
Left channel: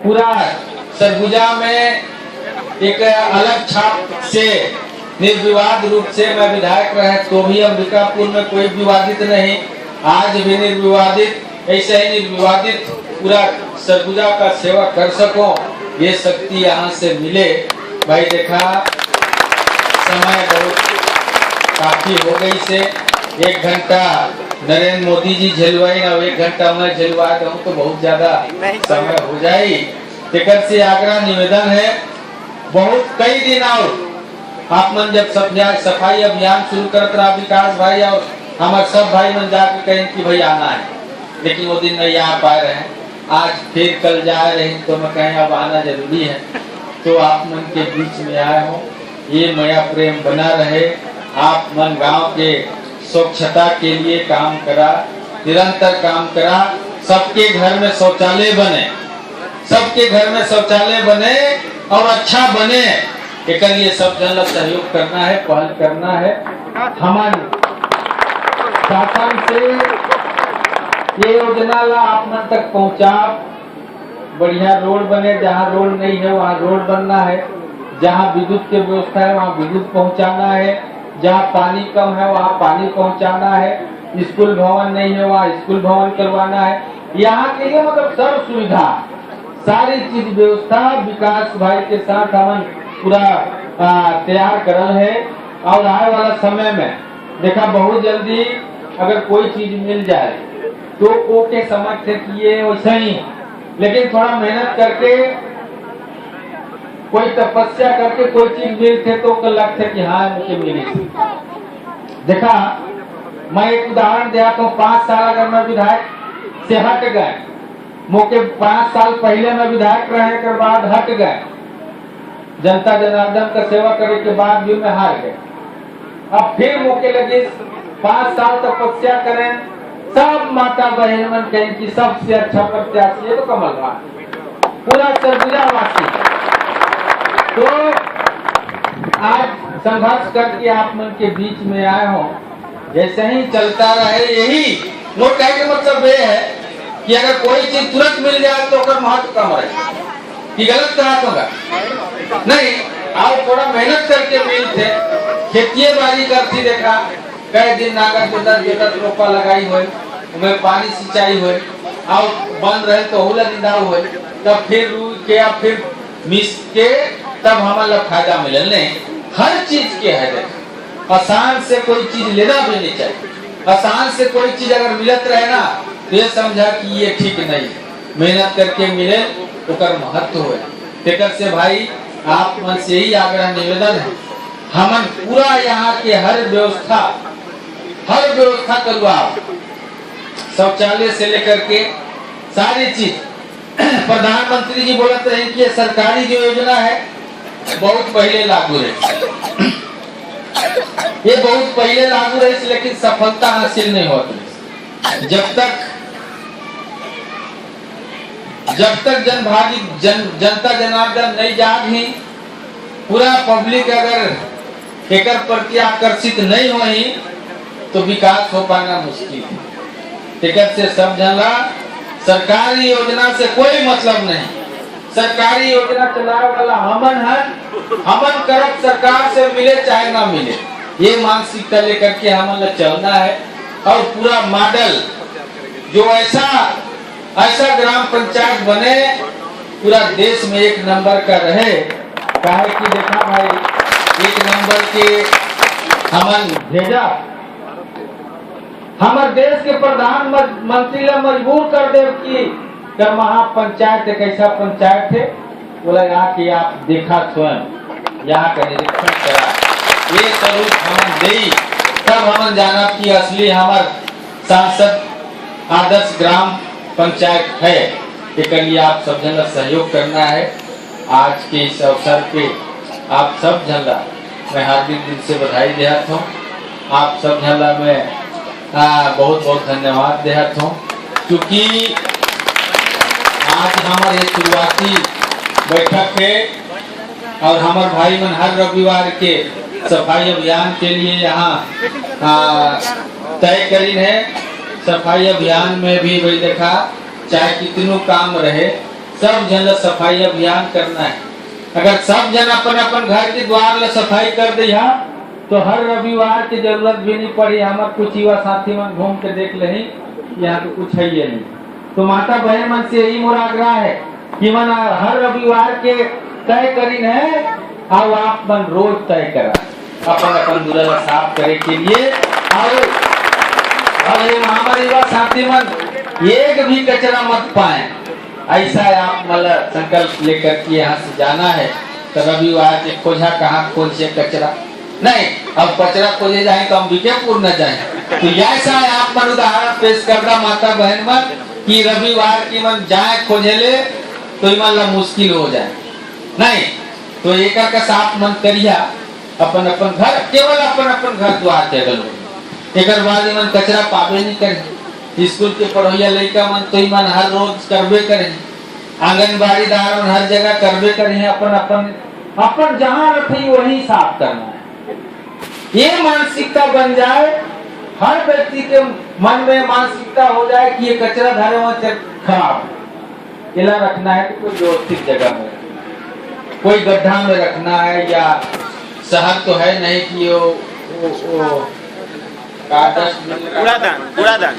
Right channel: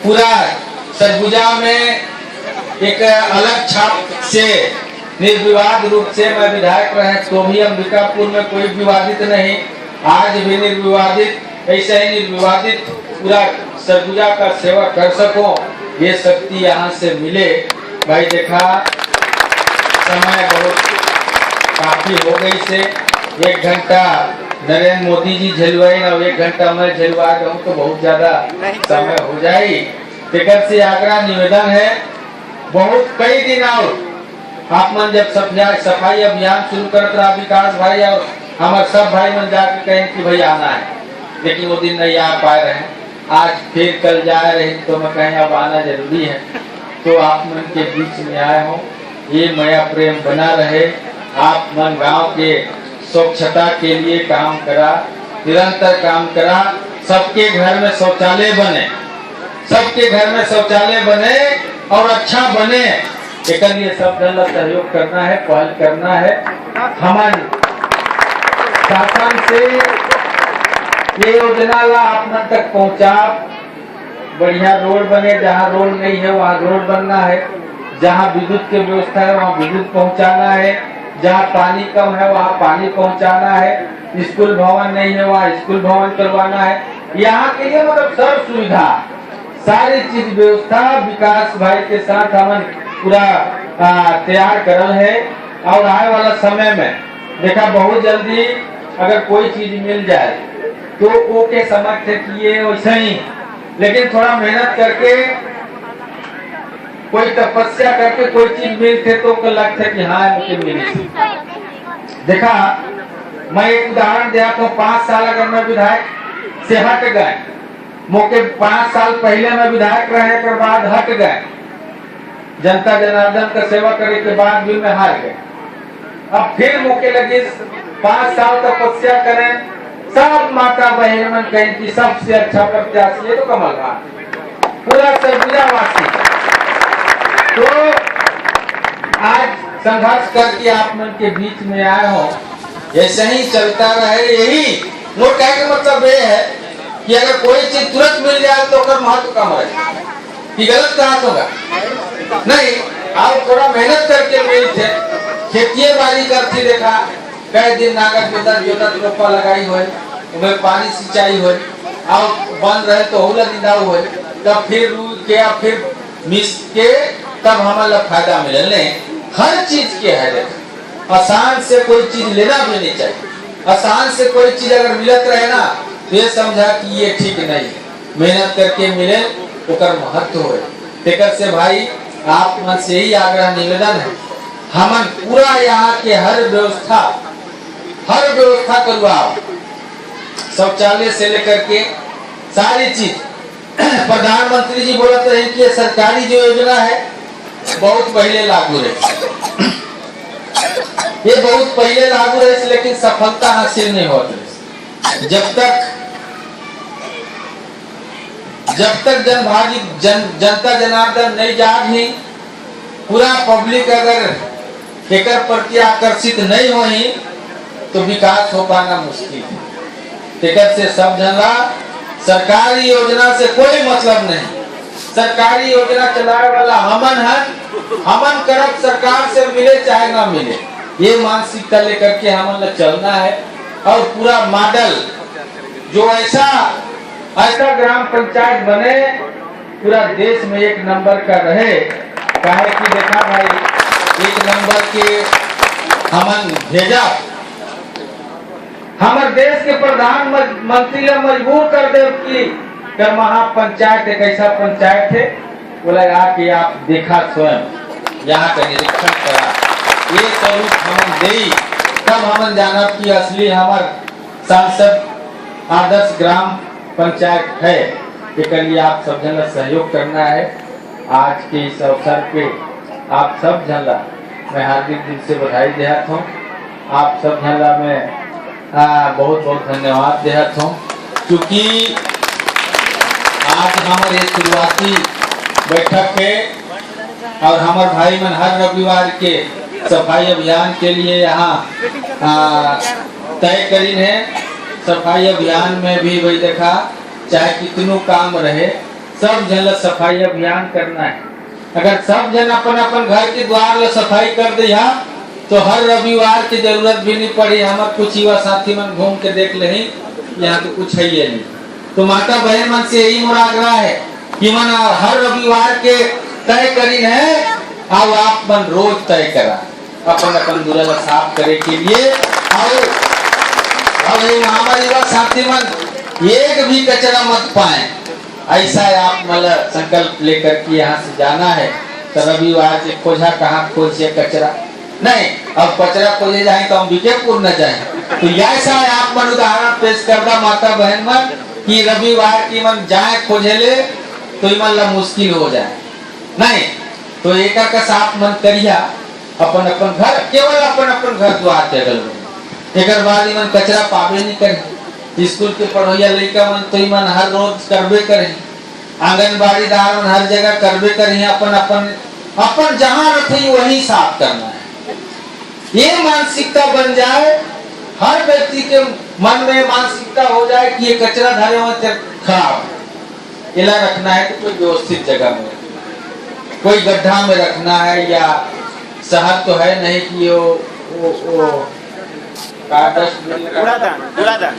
पूरा सरगुजा में एक अलग छाप से निर्विवाद रूप से मैं विधायक रहे तो भी अंबिकापुर में कोई विवादित नहीं, आज भी निर्विवादित ऐसा ही निर्विवादित पूरा सरगुजा का सेवा कर सको, ये शक्ति यहाँ से मिले। भाई देखा समय बहुत काफी हो गई से 1 घंटा नरेंद्र मोदी जी झलवाई और 1 घंटा मैं झलवा दूँ तो बहुत ज्यादा समय हो जाए। टिकट से आग्रह निवेदन है बहुत कई दिन और आप मन जब सफाई अभियान शुरू करते रहा विकास भाई और हमारे सब भाई मन जाकर कहें कि भाई आना है, लेकिन वो दिन नहीं आ पाए रहे। आज फिर कल जा रहे हैं तो मैं कहीं अब आना जरूरी है, तो आप मन के बीच में आया हूँ। ये माया प्रेम बना रहे। आप मन गांव के स्वच्छता के लिए काम करा, निरंतर काम करा। सबके घर में शौचालय बने, सबके घर में शौचालय बने और अच्छा बने। एक लिए सब जन सहयोग करना है, पहल करना है। हमारे शासन से ये योजना ला आप तक पहुंचा। बढ़िया रोड बने, जहाँ रोड नहीं है वहाँ रोड बनना है, जहाँ विद्युत की व्यवस्था है वहाँ विद्युत पहुंचाना है, जहाँ पानी कम है वहाँ पानी पहुंचाना है, स्कूल भवन नहीं है वहाँ स्कूल भवन करवाना है। यहाँ के लिए मतलब सब सुविधा, सारी चीज व्यवस्था विकास भाई के साथ हम पूरा तैयार करल है। और आने वाला समय में देखा बहुत जल्दी अगर कोई चीज मिल जाए तो ओके समझ थे कि ये वैसे ही, लेकिन थोड़ा मेहनत करके कोई तपस्या करके कोई चीज मिलते तो लगता है कि हाँ मुझे मिली। देखा मैं एक उदाहरण दिया तो 5 साल अगर मैं विधायक से हट गए, मौके 5 साल पहले मैं विधायक रहे के बाद हट गए, जनता जनार्दन का सेवा करने के बाद भी मैं हार गए। अब फिर मौके लगे 5 साल तपस्या करें, सब माता बहन मन कहें कि सबसे अच्छा प्रत्याशी है तो कमल राय, पूरा सरगुजा वासी। तो आज संघर्ष करके आप मन के बीच में आए हो, ऐसे ही चलता रहे। यही मोट कहने का मतलब ये है कि अगर कोई चीज तुरंत मिल जाए तो कर महत्व कम है कि गलत कहा होगा नहीं। आप थोड़ा मेहनत करके मिलते, खेती बाड़ी करती, देखा कई दिन नागर जोतत रोपा लगाई हुए, उनमें पानी सिंचाई हुए और बन रहे तो होला निंदाऊ हुए, तब फिर रूई के फिर मिस के तब हमारा फायदा मिले। नहीं, हर चीज के है, आसान से कोई चीज लेना भी नहीं चाहिए। आसान से कोई चीज अगर मिलत रहे ना तो ये समझा कि ये ठीक नहीं, मेहनत करके मिले तो कर महत्व हो। तेकर से भाई आप मन से ही आग्रह निवेदन है, हमन पूरा यहाँ के हर व्यवस्था करवाओ, शौचालय से लेकर के सारी चीज। प्रधानमंत्री जी बोलते रहे कि सरकारी जो योजना है बहुत पहले लागू रही, ये बहुत पहले लागू रही, लेकिन सफलता हासिल नहीं होती। जब तक जनता जनार्दन नहीं जागी, पूरा पब्लिक अगर एक प्रति आकर्षित नहीं हुई तो विकास हो पाना मुश्किल है। टिकट से सब जनला सरकारी योजना से कोई मतलब नहीं, सरकारी योजना चलाने वाला हमन है, हमन करब सरकार से मिले चाहे ना मिले, ये मानसिकता लेकर के हमन चलना है। और पूरा मॉडल जो ऐसा ग्राम पंचायत बने पूरा देश में 1 नंबर का रहे। काहे कि देखा भाई 1 नंबर के हमन भेजा, हमारे देश के प्रधानमंत्री ने मजबूर कर दे कि महापंचायत एक ऐसा पंचायत है, बोला कि आप देखा स्वयं यहाँ का निरीक्षण करा, ये स्वरूप हमन दे, तब हमन जाना कि असली हमारे सांसद आदर्श ग्राम पंचायत है। इसके लिए आप सब जन सहयोग करना है। आज के इस अवसर पे आप सब जनला मैं हार्दिक दिल से बधाई देता हूँ। आप सब जनला में बहुत बहुत धन्यवाद देता हूँ, क्योंकि आज हमारे शुरुआती बैठक है और हमारे भाई मन हर रविवार के सफाई अभियान के लिए यहाँ तय करी है। सफाई अभियान में भी वही देखा, चाहे कितनों काम रहे सब जन सफाई अभियान करना है। अगर सब जन अपन घर के द्वार ला सफाई कर दे तो हर रविवार की जरूरत भी नहीं पड़ी। हमारे कुछ युवा साथी मन घूम के देख ले यहाँ तो कुछ है ही नहीं। तो माता बहन मन से यही मोर आग्रह है कि मन हर रविवार के तय करी है और आप मन रोज तय करा अपन दूल्हा साफ करे के लिए। और हमारे युवा साथी मन एक भी कचरा मत पाए, ऐसा आप मतलब संकल्प लेकर के यहाँ से जाना है। तो रविवार के खोजा कहाँ खोज से कचरा नहीं, अब कचरा खोजे जाए तो हम बीकेपुर न जाए। तो ऐसा आप मन उदाहरण पेश करता माता बहन मन कि रविवार की मन जाए खोजेले तो इमन ला मुश्किल हो जाए नहीं। तो एक का साफ मन करिया अपन अपन घर, केवल अपन अपन घर द्वार के अगल एक बाद इमन कचरा पावे नहीं करे। स्कूल के पढ़ोया लड़का मन तो इमन हर रोज करबे करे, आंगनबाड़ी दार मन हर जगह करबे करे। अपन अपन अपन जहाँ रखे वही साफ करना है। ये मानसिकता बन जाए, हर व्यक्ति के मन में मानसिकता हो जाए कि ये कचरा धारे में खराब इला रखना है, तो कोई व्यवस्थित जगह में, कोई गड्ढा में रखना है। या शहर तो है नहीं कि वो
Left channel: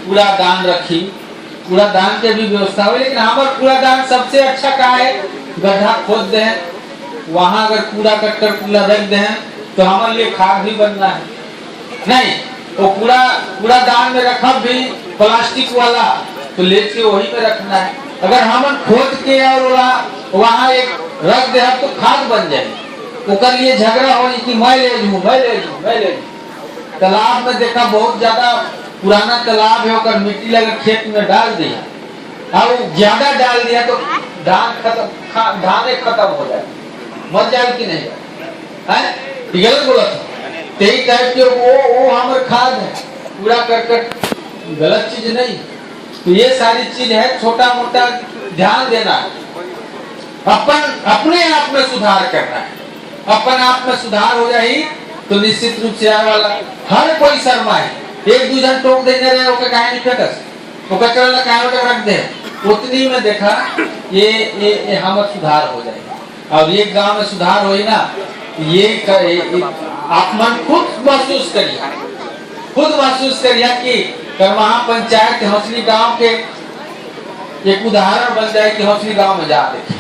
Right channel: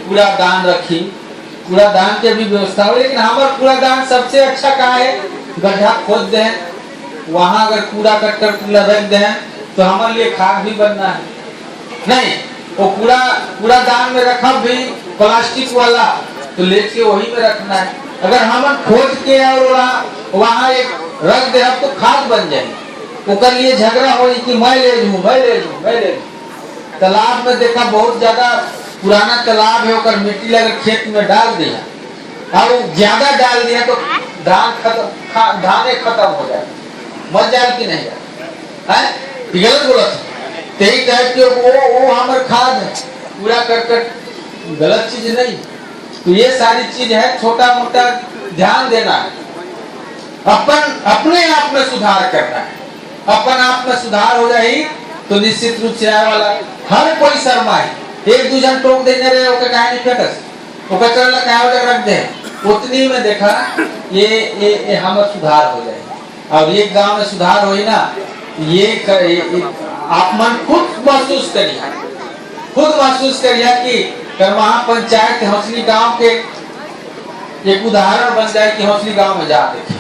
कूड़ादान रखी, कूड़ादान के भी व्यवस्था हो, लेकिन हमारे कूड़ादान सबसे अच्छा का है, गड्ढा खोद दे, वहां अगर कूड़ा कट्टर रख दे तो हमारे लिए खाद भी बनना है नहीं। वो कूड़ादान में रखा भी प्लास्टिक वाला तो ले के वही में रखना है। अगर हम खोद के और वहाँ एक रख दे तो खाद बन जाए। उकर लिए झगड़ा हो कि मैं ले लूं। तालाब में देखा बहुत ज्यादा पुराना तालाब है, उकर मिट्टी लगा खेत में डाल दिया और ज्यादा डाल दिया तो धाने खत्म हो जाए। मत जाए कि नहीं जाए, गलत बोला तेई टाइप के वो हमारे खाद है, पूरा करकट गलत चीज नहीं। तो ये सारी चीज है, छोटा मोटा ध्यान देना है, अपन अपने आप में सुधार करना है। अपन आप में सुधार हो जाए तो निश्चित रूप से आने वाला हर कोई शर्माए। एक दूसरे टोक देने रहे ओके काहे नहीं कटस, ओके चलना काहे तक रख दे, उतनी में देखा ये हमारा सुधार हो जाए। और एक गांव में सुधार होई ना, ये आप मन खुद महसूस करिए कि करमहा पंचायत हौसली गांव के एक उदाहरण बन जाए कि हौसली गांव में जा देखे।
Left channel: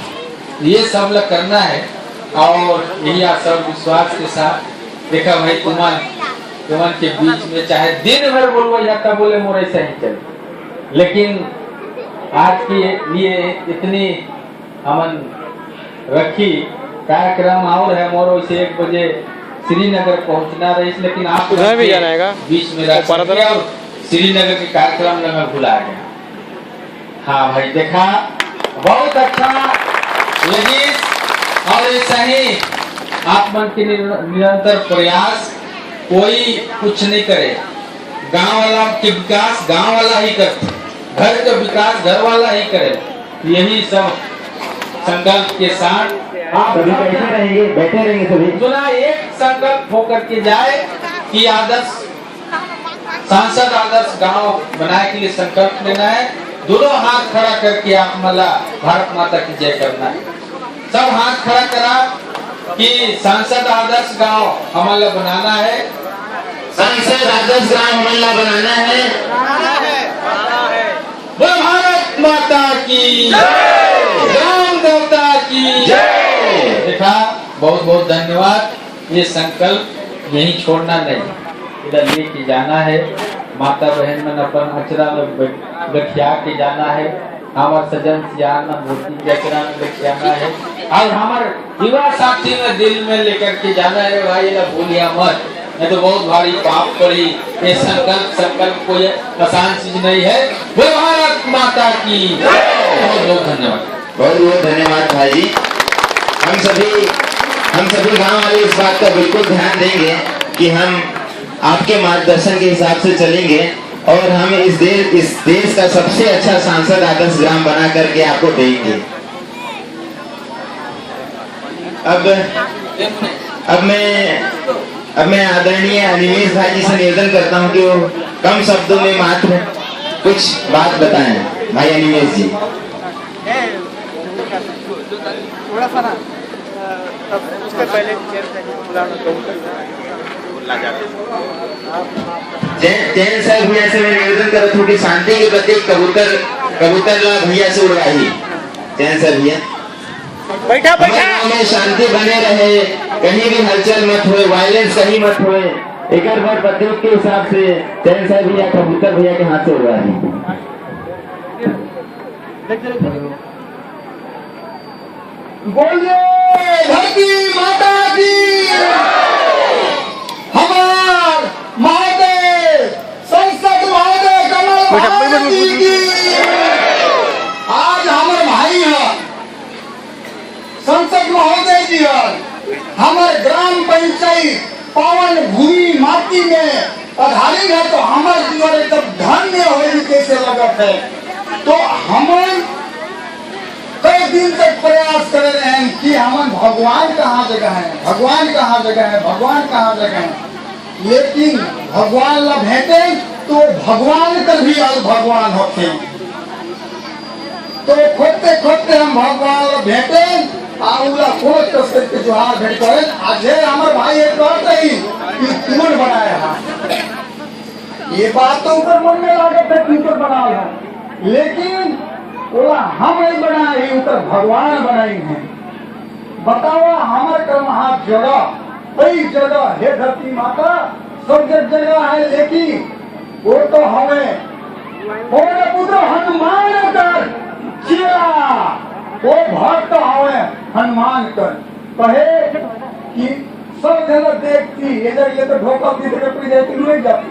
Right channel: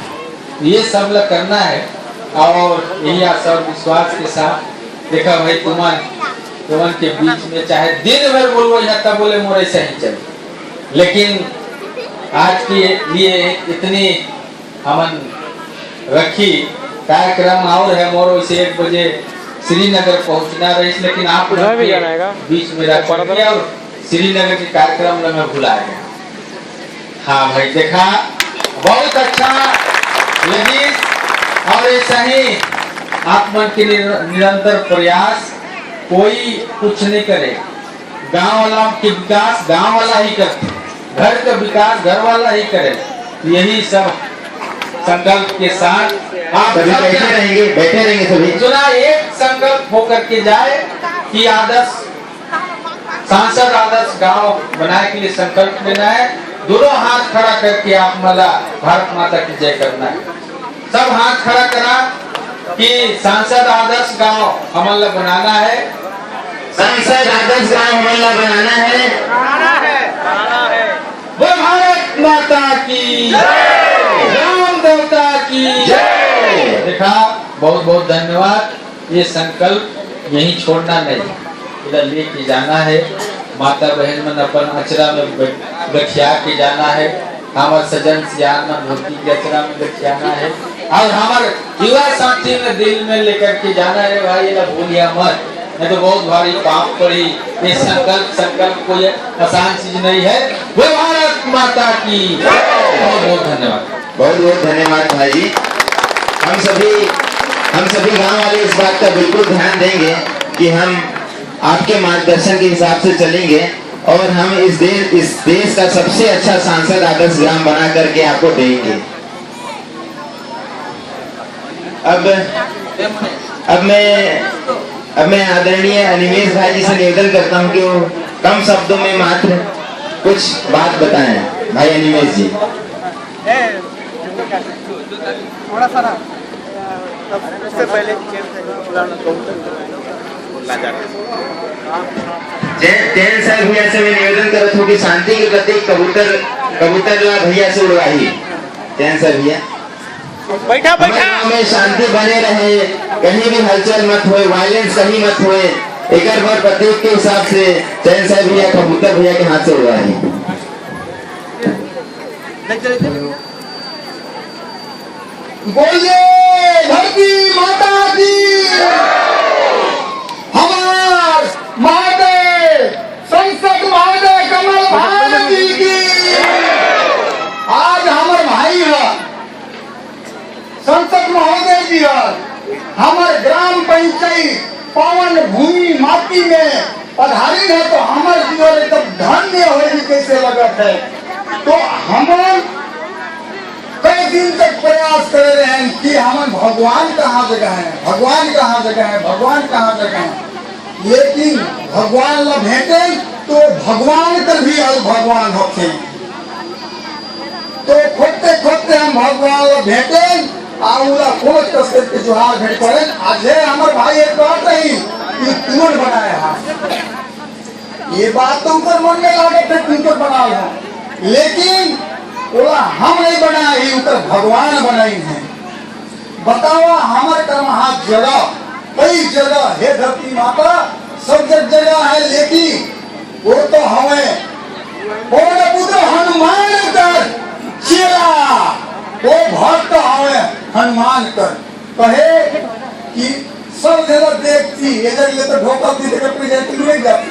ये सब लोग करना है और यही सब विश्वास के साथ देखा भाई तुमन के बीच में चाहे दिन भर बोलो या तब बोले मोरे से ही चले, लेकिन आज के लिए इतनी हमन रखी कार्यक्रम और है मोरो इसे 1 बजे श्रीनगर पहुंचना रही, लेकिन आप बीच में रख और श्रीनगर के कार्यक्रम में मैं भुला गया। हाँ भाई देखा बहुत अच्छा लेडीज और ऐसा ही आप मन के निरंतर प्रयास, कोई कुछ नहीं करे, गांव वाला के विकास गांव वाला ही करते, घर का विकास घर वाला ही करे। यही सब संकल्प के साथ आप बैठे रहेंगे सभी चुना एक संकल्प होकर के जाए कि आदर्श सांसद आदर्श गांव बनाए के लिए संकल्प लेना है। दोनों हाथ खड़ा करके आप मला भारत माता की जय करना है। सब हाथ खड़ा करा कि सांसद आदर्श गांव हमारा बनाना है, सांसद आदर्श गांव हमारा बनाना है। बोल भारत माता की राम देवता की जय। देखा बहुत बहुत धन्यवाद। ये संकल्प यही छोड़ना नहीं, इधर लेके जाना है। माता बहन मन अपन अचरा में गठिया के जाना है, हमारे सजन सियान मूर्ति के अचरा में गठियाना है और हमारे युवा साथी में दिल में लेकर के जाना है। भाई ये भूलिया मत, नहीं तो बहुत भारी पाप पड़ी। ये संकल्प कोई आसान चीज नहीं है। बोल भारत माता की बहुत बहुत धन्यवाद। बहुत बहुत धन्यवाद भाई जी। हम सभी गांव वाले इस बात का बिल्कुल ध्यान देंगे कि हम आपके मार्गदर्शन के हिसाब से चलेंगे और हम इस देश का सबसे अच्छा सांसद आदर्श ग्राम बना करके आपको देंगे। अब मैं आदरणीय अनिमेश भाई जी से निवेदन करता हूं कि वो कम शब्दों में मात्र कुछ बात बताएं। भाई अनिमेश जी। जैन सर भैया से मैं निवेदन करता हूँ कि शांति के प्रतीक कबूतर भैया से उड़वाही। जैन सर भैया बैठा में शांति बने रहे, कहीं भी हलचल मत होए, वायलेंस कहीं मत होए। एक बार प्रतीक के हिसाब से जैन सर भैया कबूतर भैया के हाथ से उड़वाही। बोलिए धरती माता की, हमार महोदय संसद महोदय कमल भाई की। दिया हमारे ग्राम पंचायत पावन भूमि माटी में पधारी है तो हमारे जीवन एकदम धन्य होने कैसे लगत है। तो हम कई दिन तक प्रयास कर रहे हैं कि हम भगवान कहाँ जगह है, भगवान कहाँ जगह है, भगवान कहाँ जगह है, लेकिन भगवान ला भेटे तो भगवान कर भी और भगवान होते हैं। तो खोजते खोजते हम भगवान ला भेटे आउला खोज कसरत के जोहार भेट करें। आज हमारे भाई एक बात रही कि तुमन बनाया है, ये बात तो उनका मन में लागत है कि उनका बनाया है, लेकिन बोला हम नहीं बनाए, ये उनका भगवान बनाई है। बताओ हमारे कर्म हाथ जगह कई जगह है, धरती माता सब जगह है, लेकिन वो तो हमें पुत्र हनुमान कर चेला वो भक्त हमें हनुमान कर कहे कि सब जगह देखती इधर ये तो ढोका थी नहीं जाती,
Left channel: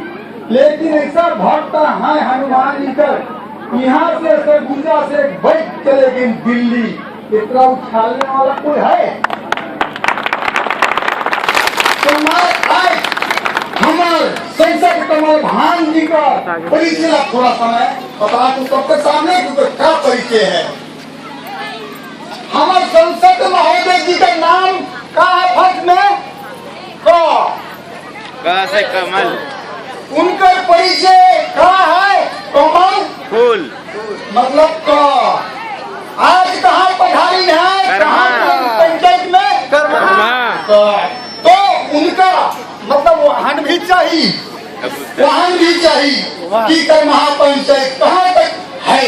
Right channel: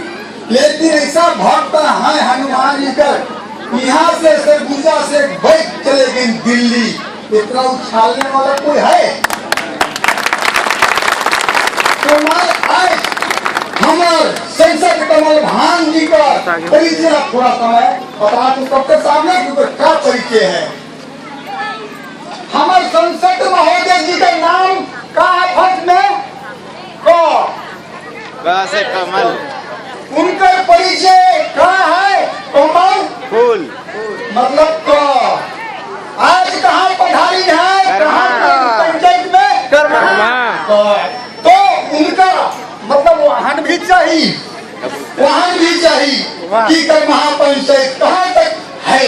लेकिन ऐसा भक्त है हनुमान जी कर यहाँ से सरगुजा से बैठ चले गई दिल्ली, इतना उछालने वाला कोई है? तो मैं आज हमारे संसद कमल भान जी का परिचय थोड़ा समय बता दूं सबके सामने क्योंकि क्या परिचय है। हमारे संसद महोदय जी का नाम का है फर्स्ट में क से कमल, उनका परिचय का है कमल फूल, मतलब क। आज कहाँ पधारी है, कहाँ पंचायत में तो उनका मतलब वाहन भी चाहिए, वाहन भी चाहिए कि कर महापंचायत कहाँ तक है,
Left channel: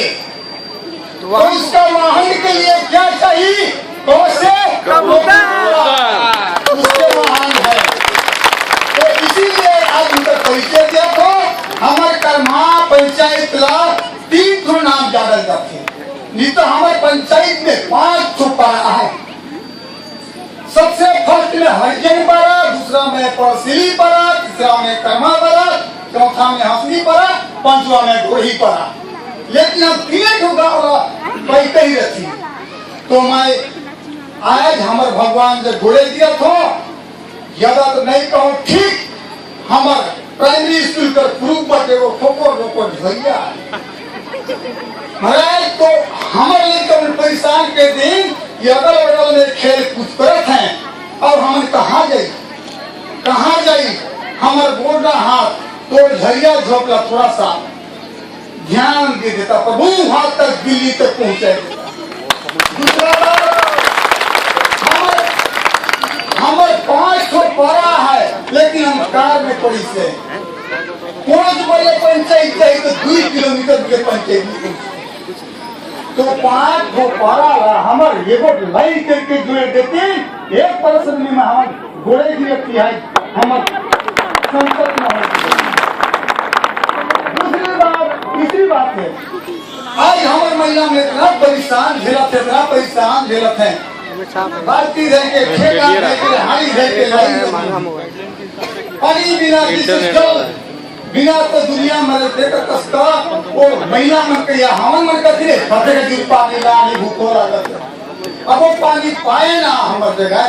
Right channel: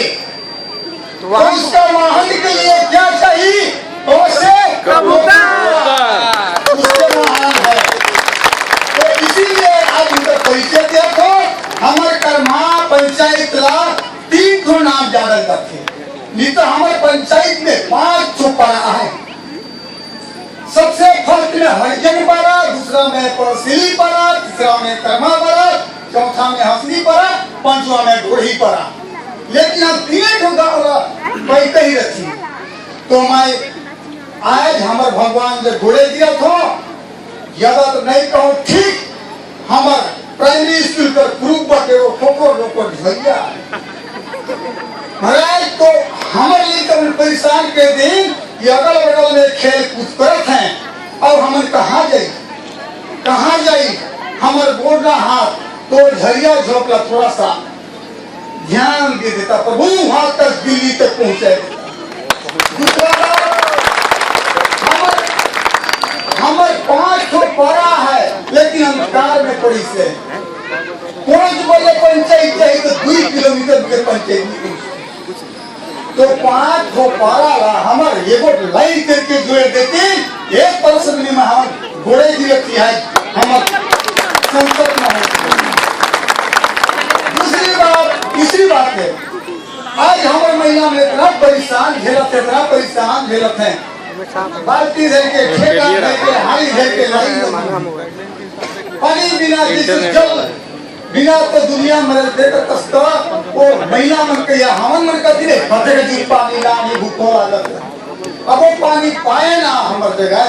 तो उसका वाहन के लिए क्या चाहिए, तो उसके वाहन है। तो इसीलिए आज उनका परिचय दिया। तो हमारे कर्मा पंचायत ला 3 ठो नाम जानल जाते, नहीं तो हमारे पंचायत में 5 ठो पड़ा है। सबसे फर्स्ट में हरिजन पड़ा, दूसरा में परसिली पड़ा, तीसरा में कर्मा पड़ा, चौथा में हंसली पड़ा, पांचवा में ढोही पड़ा। लेकिन हम 3 ठो गाँव बैठे ही रखी। तो मैं आज हमारे भगवान से घोड़े दिया था, ज्यादा तो नहीं कहूँ, ठीक हमारे प्राइमरी स्कूल का ग्रुप बटे वो ठोकर भैया महाराज। तो हमारे लिए तो परेशान के दिन ये अगल बगल में खेल कूद करत हैं और हम कहाँ जाई हमारे बोला हाथ तो झरिया झोंकला, थोड़ा सा ध्यान दे देता प्रभु वहां तक दिल्ली तक पहुंचाए देता। दूसरा बात हमारे 5 ठो पड़ा है, लेकिन हम कार में पड़ी से 5 बजे पंचायत चाहिए तो 2 किलोमीटर के पंचायत, तो 5 ठो पड़ा ला हमारे एगो लाइन करके जोड़ देते, एक परसन में हम घोड़े की रखी है हमारे संसद में। तीसरी बात है आज हमारे महिला में इतना परेशान झेलत है, बाल्टी दे के ठेका दे के हाड़ी दे के पानी बिना तो दुनिया में रहते का कष्ट वो महिला मन के या हमन मन का दिले फटे जी पानी लानी भूखो लागत। अब वो पानी पाए ना हमारे जगह,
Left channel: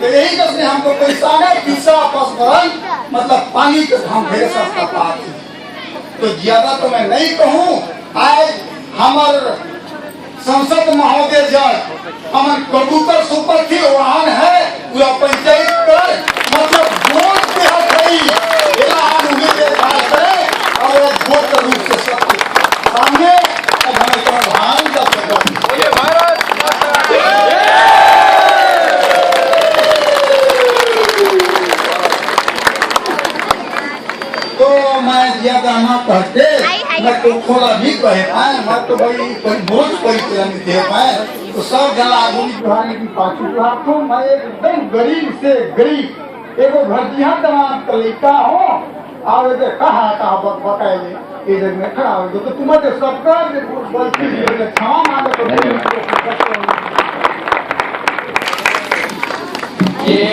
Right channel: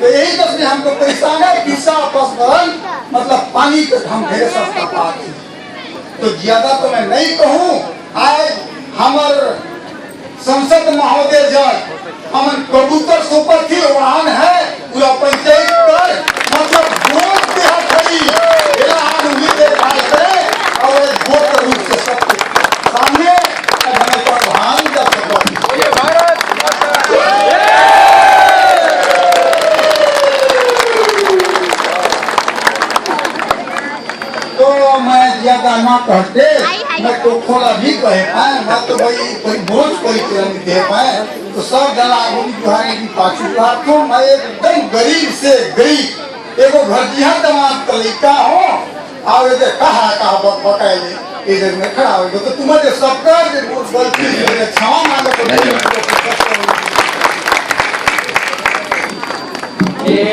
तो यही कसने हमको परेशान है। पीसा पसमरन मतलब पानी का हम ढेर सस्ता पाते, तो ज्यादा तो मैं नहीं कहूँ। आज हमारे संसद महोदय जन हमन कबूतर सुपर थी वाहन है पूरा पंचायत कर मतलब वोट देहा खड़ी इलाहान उन्हीं देखभाल करे और वोट रूप से सबके सामने अब हमें प्रधान जा सकता बोले भारत माता तो मैं ज्यादा ना कहते मैं तो थोड़ा भी कहे पाए, मैं तो भाई कोई बोझ परिक्रम दे पाए, तो सब जला गुहारी की पाछू तो मैं एकदम गरीब से गरीब एगो घरजिया दमाद तरीका हो और ये कहा बताए इधर में खड़ा हो तो तुम्हारे सरकार बोलती क्षमा मांगे ये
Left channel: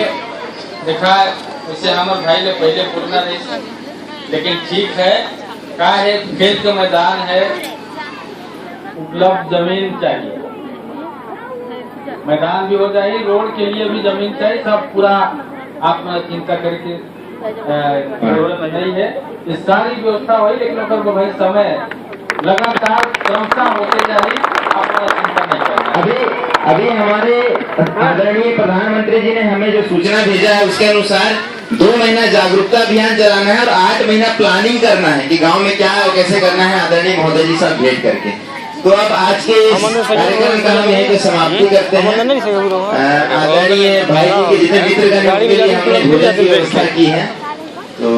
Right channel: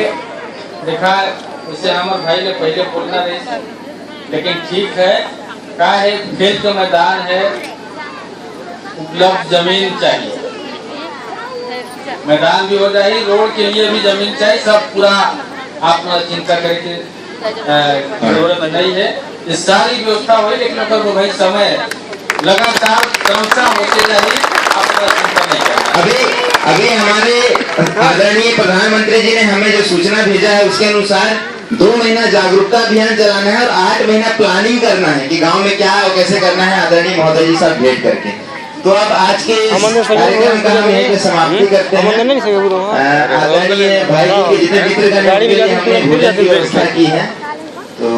देखा वैसे हमारे भाई ने पहले बोलना रही, लेकिन ठीक है का है खेल का मैदान है, उपलब्ध जमीन चाहिए। मैदान भी हो जाए, रोड के लिए भी जमीन चाहिए, सब पूरा आप चिंता करके जरूरत नहीं है। ये सारी व्यवस्था हुई, लेकिन अगर वो भाई समय लगातार क्रमशः होते जाए, आपको चिंता नहीं करना। अभी हमारे आदरणीय प्रधानमंत्री जी ने हमें जो सूचना भेजा है उसके अनुसार 2 महीना जागरूकता अभियान चलाना है और 8 महीना प्लानिंग करना है कि गांव में क्या और कैसे करना है। आदरणीय महोदय जी साथ भेंट करके तो अब आज के इस कार्यक्रम का हम यहीं पे समाप्ति करते हैं। आदरणीय भाई जी के जितने मित्रगण के लिए हमने भोजन की व्यवस्था की है, तो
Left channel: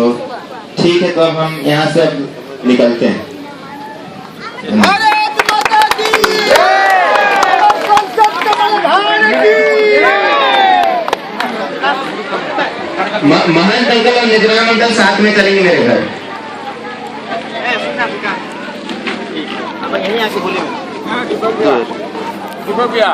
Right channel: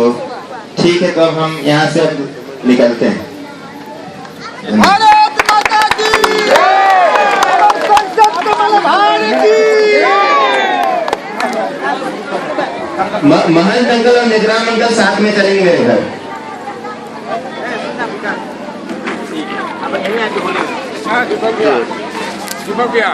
ठीक है, तो अब हम यहाँ से अब निकलते हैं। भारत माता की संसद भगवान की महंत अंकल और निजराम अंकल साथ में चलेंगे मेरे घर। दीपक भैया